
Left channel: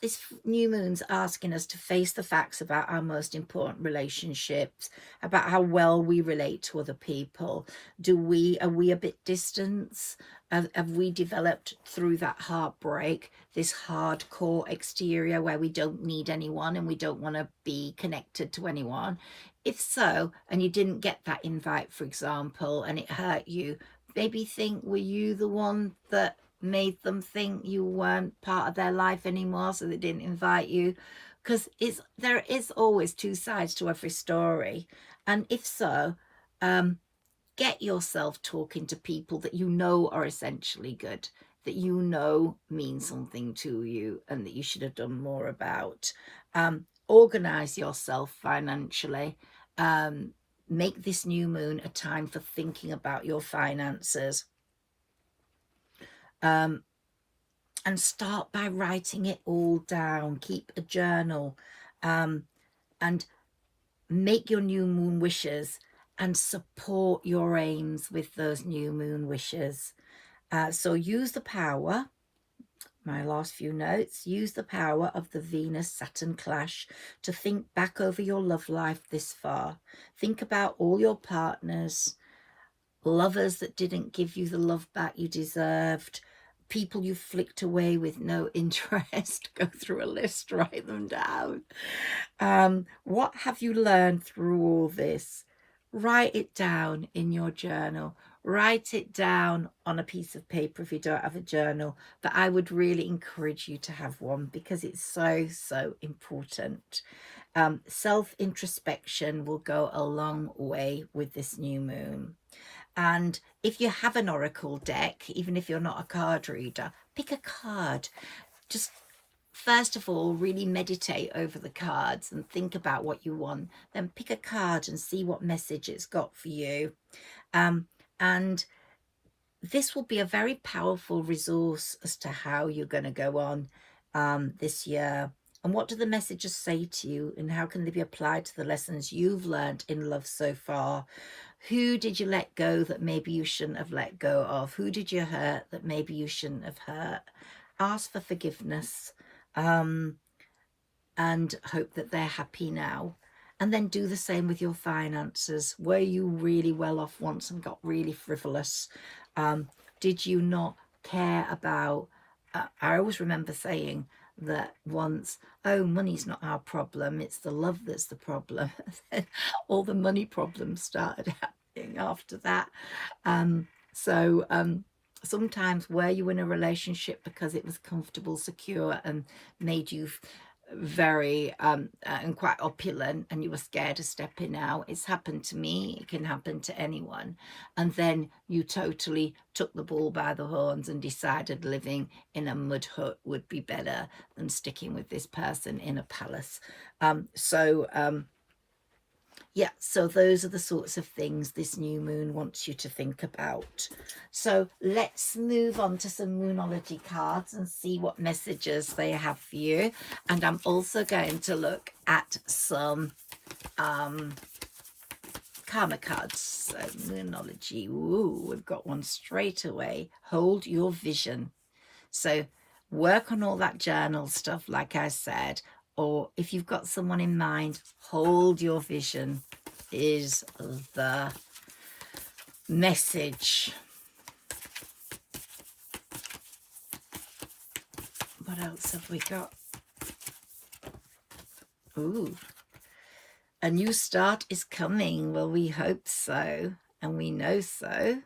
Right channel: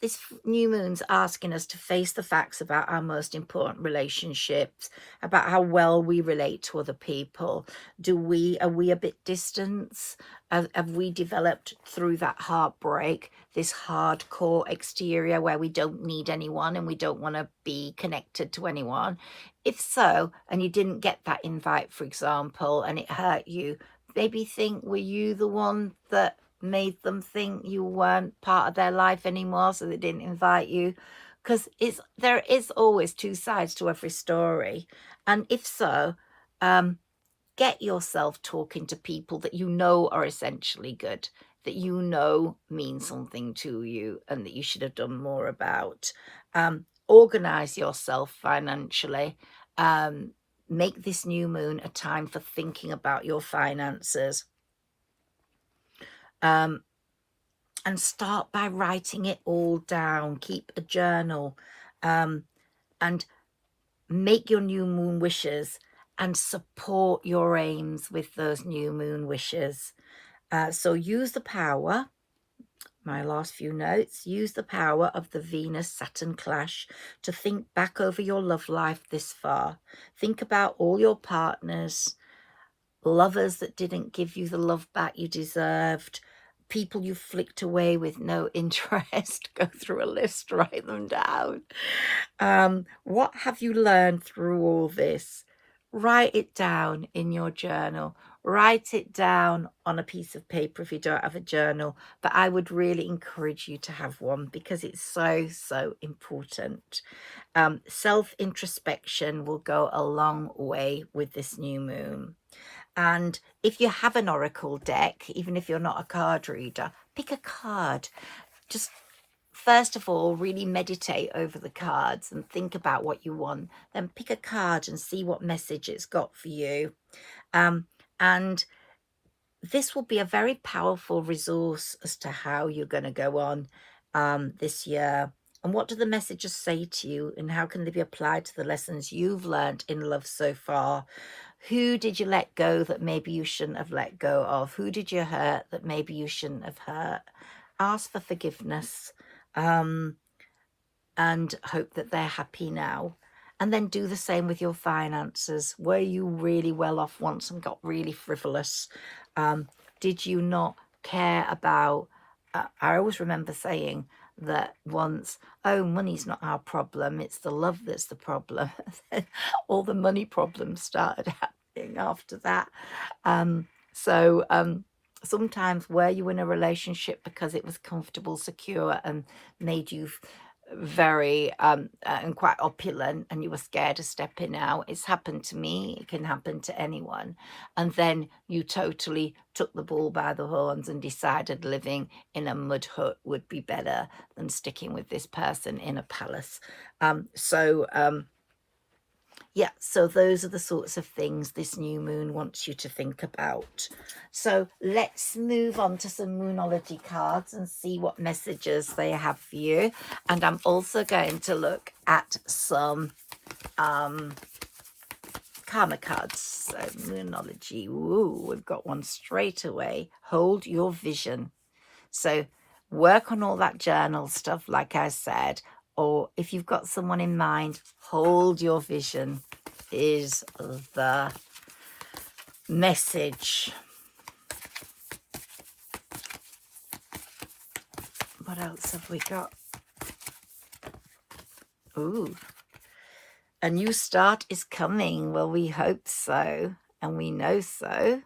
this new moon's asking us to face the facts about our most important relationships, about how well we relate to other people. Are we a bit distant? Have we developed through that heartbreak this hardcore exterior where we don't need anyone and we don't want to be connected to anyone? If so, and you didn't get that invite, for example, and it hurt you, maybe think, were you the one that made them think you weren't part of their life anymore, so they didn't invite you? Because there is always two sides to every story. And if so, get yourself talking to people that you know are essentially good, that you know mean something to you and that you should have done more about. Organize yourself financially. Make this new moon a time for thinking about your finances. And start by writing it all down. Keep a journal, and make your new moon wishes and support your aims with those new moon wishes. So use the power, my last few notes, use the power of the Venus-Saturn clash to think back over your love life this far. Think about all your partners, lovers that didn't give you the love back you deserved, people you flicked away with no interest. Go through a list, write them down. What have you learned through all this? Write it down in your journal. Write it down on a piece of paper if you don't have a journal. But I would really encourage you to have one because it's so, so important. Self-introspection will go a long way with this new moon. And if you have an oracle deck, even if you're not a card reader, pick a card. Just first of all, really meditate over the cards and think about what you want. Then pick a card and see what message it's got for you. And this will be a very powerful resource as to how you're going to go on this year. And what do the messages say to you, and how can they be applied to the lessons you've learned in love so far? Who did you let go that maybe you shouldn't have let go of? Who did you hurt that maybe you shouldn't have hurt? Ask for forgiveness, and hope that they're happy now. And then do the same with your finances. Were you really well off once and got really frivolous? Did you not care about... I always remember saying that once, oh, money's not our problem, it's the love that's the problem. All the money problems started happening after that. Sometimes were you in a relationship because it was comfortable, secure, and made you very and quite opulent, and you were scared of stepping out? It's happened to me. It can happen to anyone. And then you totally took the bull by the horns and decided living in a mud hut would be better than sticking with this person in a palace. Yeah, so those are the sorts of things this new moon wants you to think about. So let's move on to some Moonology cards and see what messages they have for you. And I'm also going to look at some karma cards. So Moonology, ooh, we've got one straight away. Hold your vision. So work on all that journal stuff, like I said, or if you've got someone in mind, hold your vision is the message. What else have we got? Ooh, a new start is coming. Well, we hope so, and we know so.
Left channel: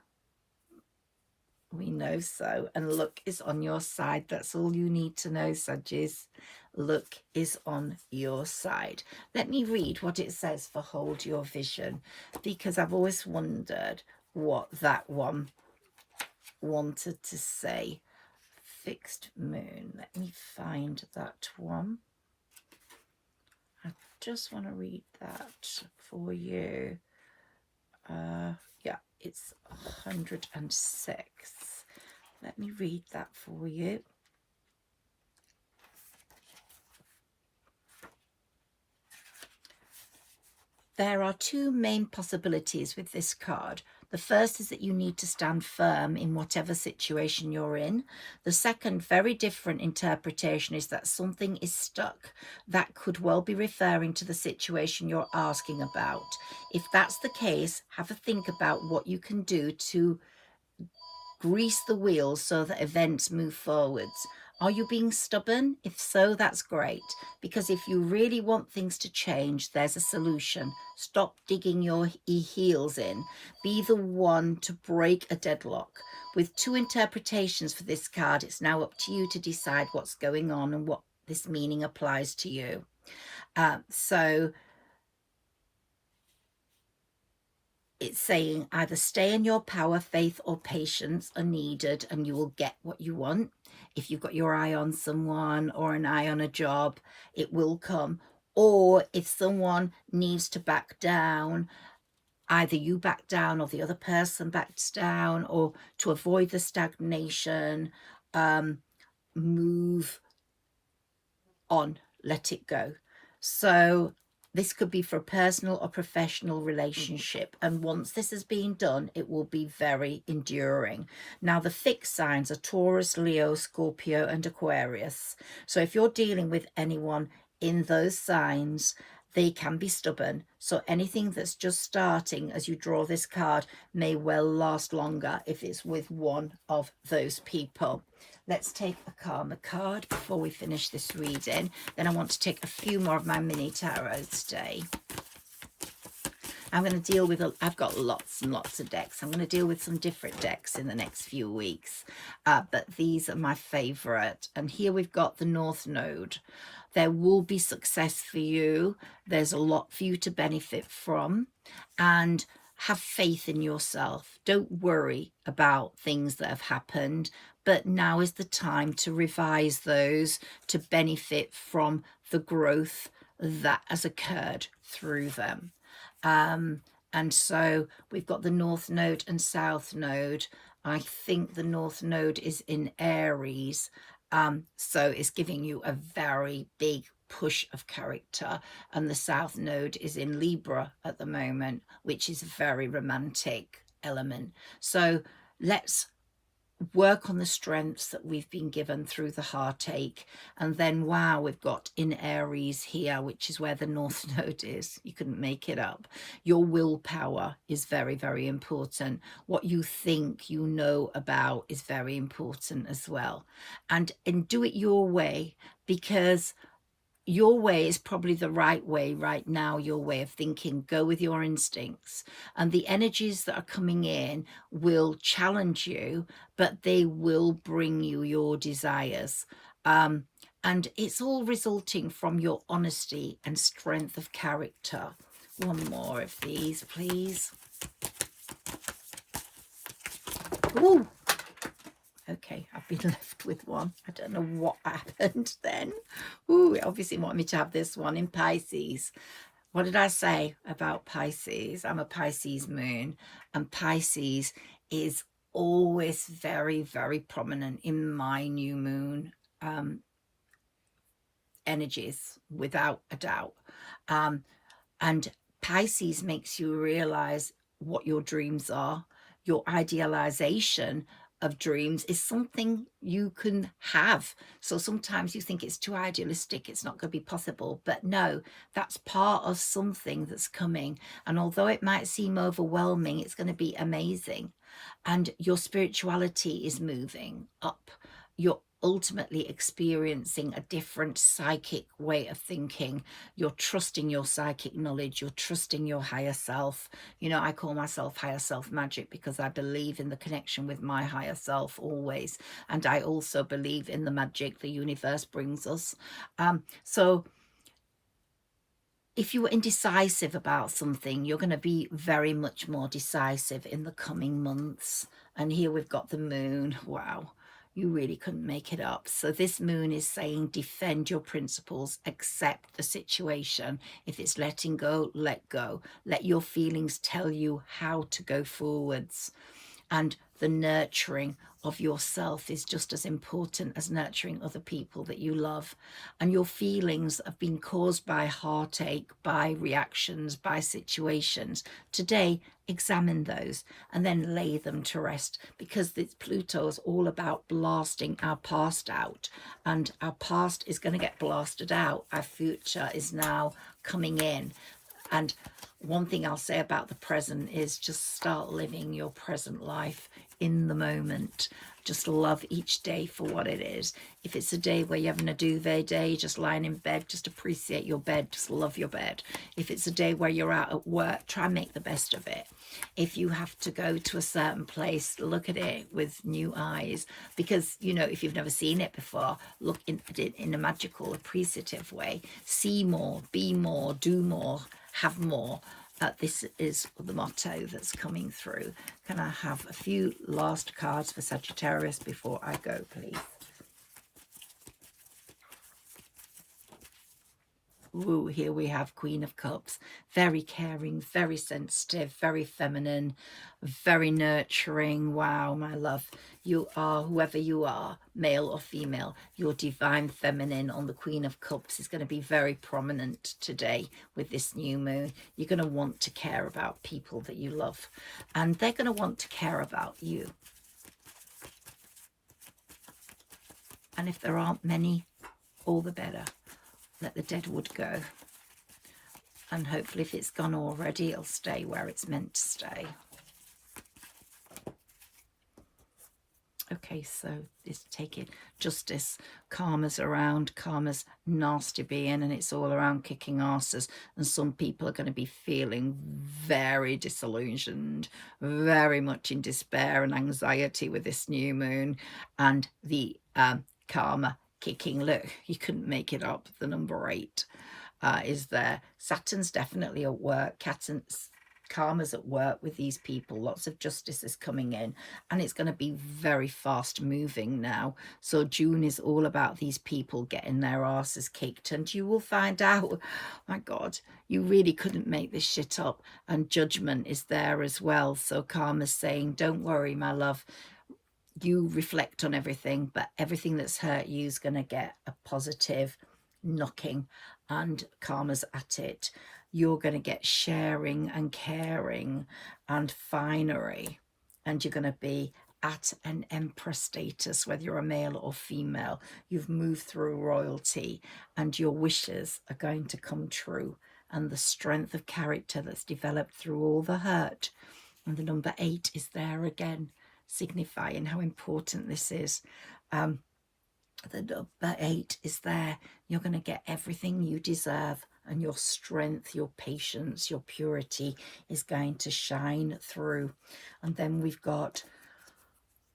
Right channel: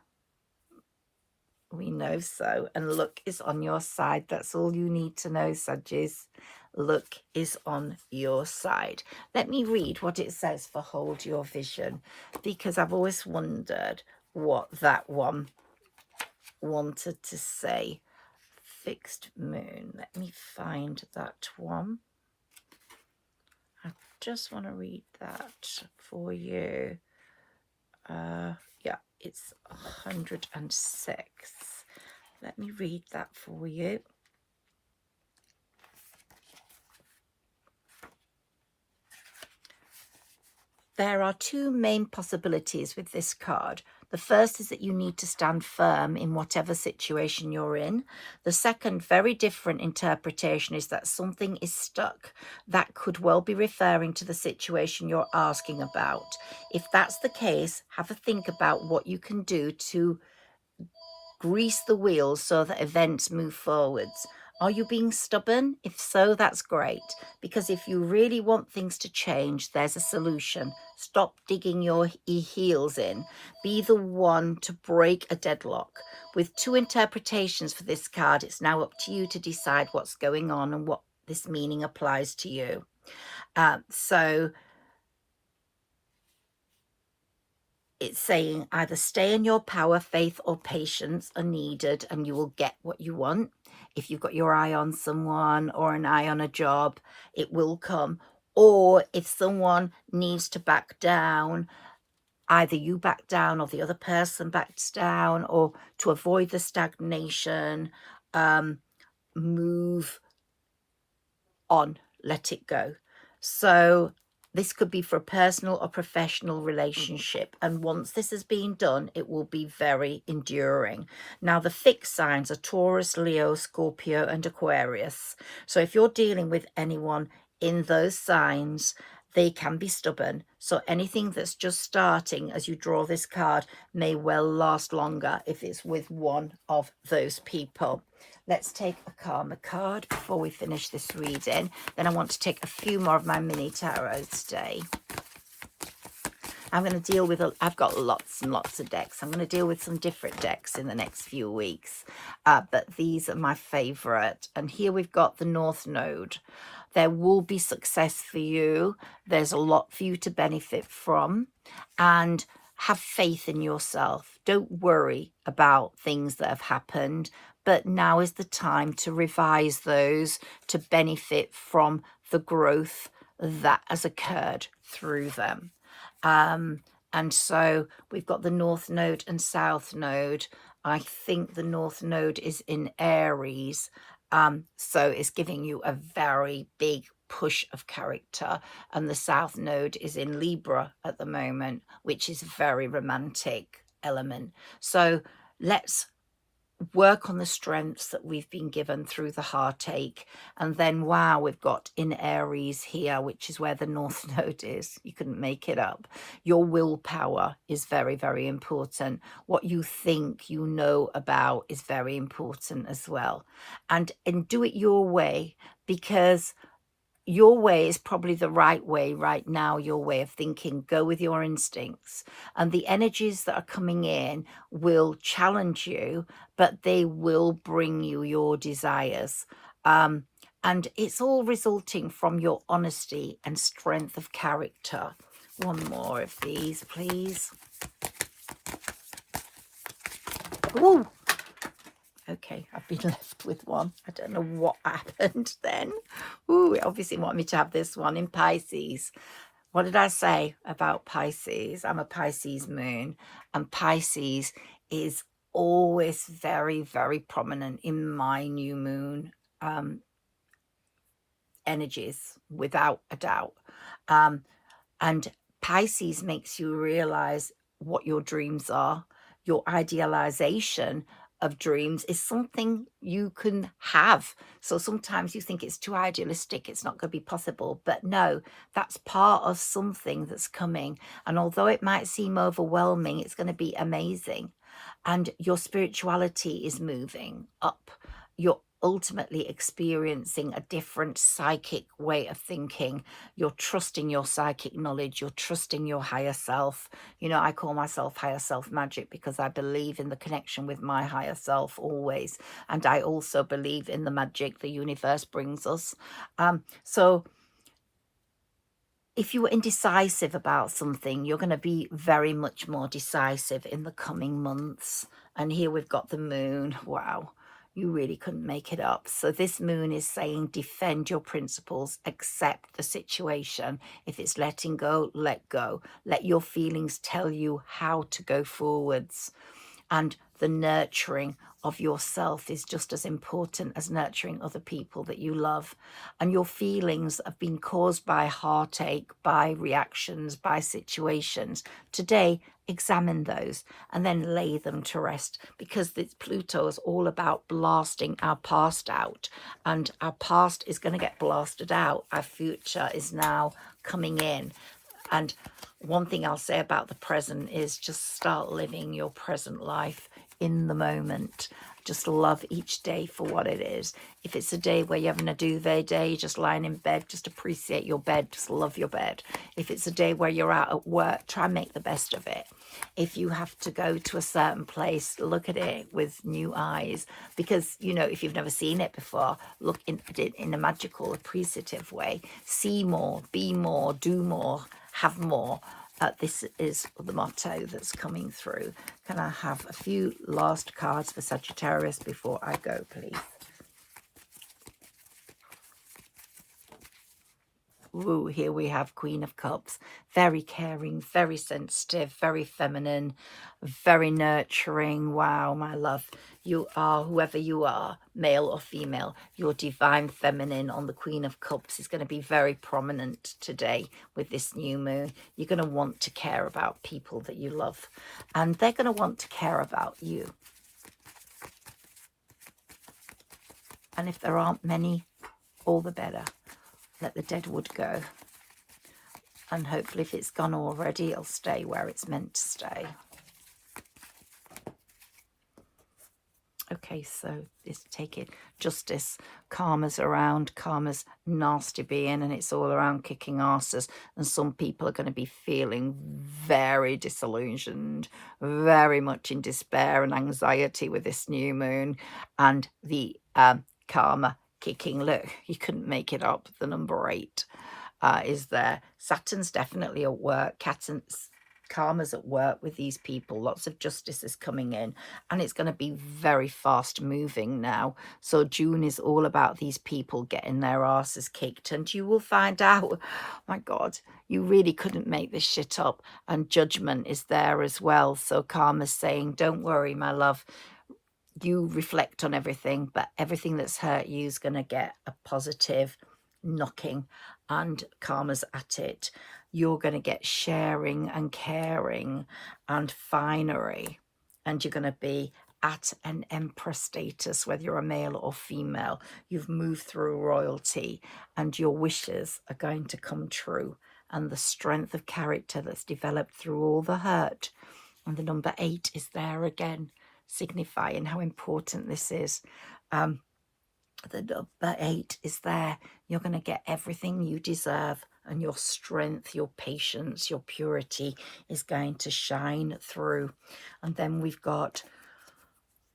We know so, and luck is on your side. That's all you need to know, Saggis. Luck is on your side. Let me read what it says for hold your vision, because I've always wondered what that one wanted to say. Fixed moon. Let me find that one. I just want to read that for you. Yeah, it's 106. Let me read that for you. There are two main possibilities with this card. The first is that you need to stand firm in whatever situation you're in. The second, very different interpretation, is that something is stuck. That could well be referring to the situation you're asking about. If that's the case, have a think about what you can do to grease the wheels so that events move forwards. Are you being stubborn? If so, that's great, because if you really want things to change, there's a solution. Stop digging your heels in. Be the one to break a deadlock. With 2 interpretations for this card, it's now up to you to decide what's going on and what this meaning applies to you. So it's saying either stay in your power, faith or patience are needed and you will get what you want. If you've got your eye on someone or an eye on a job, it will come. Or if someone needs to back down, either you back down or the other person backs down, or to avoid the stagnation, move on, let it go. So this could be for a personal or professional relationship. And once this has been done, it will be very enduring. Now, the fixed signs are Taurus, Leo, Scorpio, and Aquarius. So if you're dealing with anyone in those signs, they can be stubborn. So anything that's just starting as you draw this card may well last longer if it's with one of those people. Let's take a karma card before we finish this reading. Then I want to take a few more of my mini tarot today. I'm going to deal with, I've got lots and lots of decks. I'm going to deal with some different decks in the next few weeks. But these are my favorite. And here we've got the North Node. There will be success for you. There's a lot for you to benefit from. And have faith in yourself. Don't worry about things that have happened. But now is the time to revise those to benefit from the growth that has occurred through them. And so we've got the North Node and South Node. I think the North Node is in Aries. So it's giving you a very big push of character. And the South Node is in Libra at the moment, which is a very romantic element. So let's work on the strengths that we've been given through the heartache. And then, wow, we've got in Aries here, which is where the North Node is. You couldn't make it up. Your willpower is very, very important. What you think you know about is very important as well. And do it your way, because your way is probably the right way right now, your way of thinking. Go with your instincts. And the energies that are coming in will challenge you, but they will bring you your desires. And it's all resulting from your honesty and strength of character. One more of these, please. Ooh. Okay, I've been left with one. I don't know what happened then. Ooh, it obviously wanted me to have this one in Pisces. What did I say about Pisces? I'm a Pisces moon, and Pisces is always very, very prominent in my new moon energies, without a doubt. And Pisces makes you realize what your dreams are. Your idealization of dreams is something you can have. So sometimes you think it's too idealistic, it's not going to be possible, but no, that's part of something that's coming. And although it might seem overwhelming, it's going to be amazing. And your spirituality is moving up. You're ultimately experiencing a different psychic way of thinking. You're trusting your psychic knowledge. You're trusting your higher self. You know, I call myself higher self magic because I believe in the connection with my higher self always. And I also believe in the magic the universe brings us. So if you were indecisive about something, you're going to be very much more decisive in the coming months. And here we've got the moon. Wow. You really couldn't make it up. So this moon is saying defend your principles, accept the situation. If it's letting go, let go. Let your feelings tell you how to go forwards. And the nurturing of yourself is just as important as nurturing other people that you love. And your feelings have been caused by heartache, by reactions, by situations. Today, examine those and then lay them to rest, because this Pluto is all about blasting our past out, and our past is going to get blasted out. Our future is now coming in. And one thing I'll say about the present is just start living your present life. in the moment. Just love each day for what it is. If it's a day where you're having a duvet day, just lying in bed, just appreciate your bed, just love your bed. If it's a day where you're out at work, try and make the best of it. If you have to go to a certain place, look at it with new eyes, because, you know, if you've never seen it before, look at it in a magical, appreciative way. See more, be more, do more, have more. This is the motto that's coming through. Can I have a few last cards for Sagittarius before I go, please? Ooh, here we have Queen of Cups. Very caring, very sensitive, very feminine, very nurturing. Wow, my love. You are, whoever you are, male or female, your divine feminine on the Queen of Cups is going to be very prominent today with this new moon. You're going to want to care about people that you love, and they're going to want to care about you. And if there aren't many, all the better. Let the dead wood go. And hopefully if it's gone already, it'll stay where it's meant to stay. Okay, so this take it. Justice, karma's around, karma's nasty being, and it's all around kicking arses. And some people are going to be feeling very disillusioned, very much in despair and anxiety with this new moon. And the karma kicking, look, you couldn't make it up. The number 8 is there. Saturn's definitely at work. Karma's at work with these people. Lots of justice is coming in, and it's going to be very fast moving now. So June is all about these people getting their asses kicked, and you will find out, oh my God, you really couldn't make this shit up. And judgment is there as well. So karma's saying, don't worry, my love. You reflect on everything, but everything that's hurt you is going to get a positive knocking, and karma's at it. You're going to get sharing and caring and finery, and you're going to be at an emperor status, whether you're a male or female. You've moved through royalty, and your wishes are going to come true, and the strength of character that's developed through all the hurt. And the number 8 is there again, signifying how important this is. The number 8 is there. You're going to get everything you deserve, and your strength, your patience, your purity is going to shine through. And then we've got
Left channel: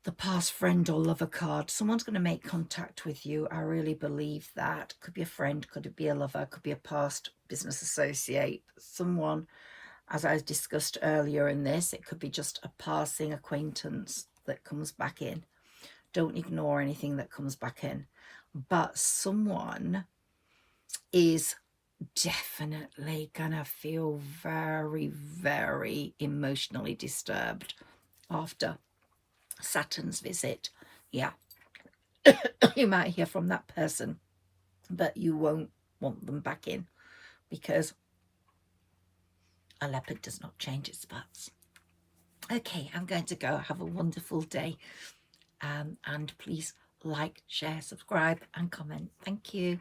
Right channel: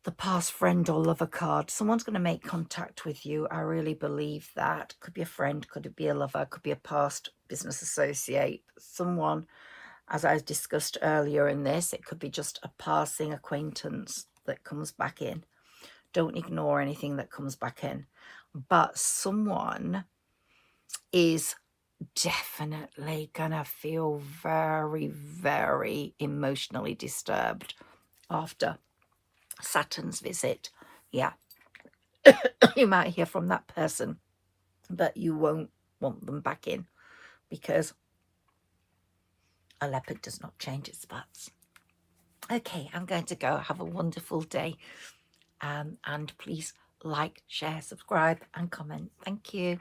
the past friend or lover card. Someone's going to make contact with you. I really believe that. Could be a friend, could it be a lover, could be a past business associate, someone, as I discussed earlier in this, it could be just a passing acquaintance that comes back in. Don't ignore anything that comes back in. But someone is definitely gonna feel very, very emotionally disturbed after Saturn's visit. Yeah. You might hear from that person, but you won't want them back in, because a leopard does not change its spots. Okay, I'm going to go. Have a wonderful day. And please like, share, subscribe and comment. Thank you.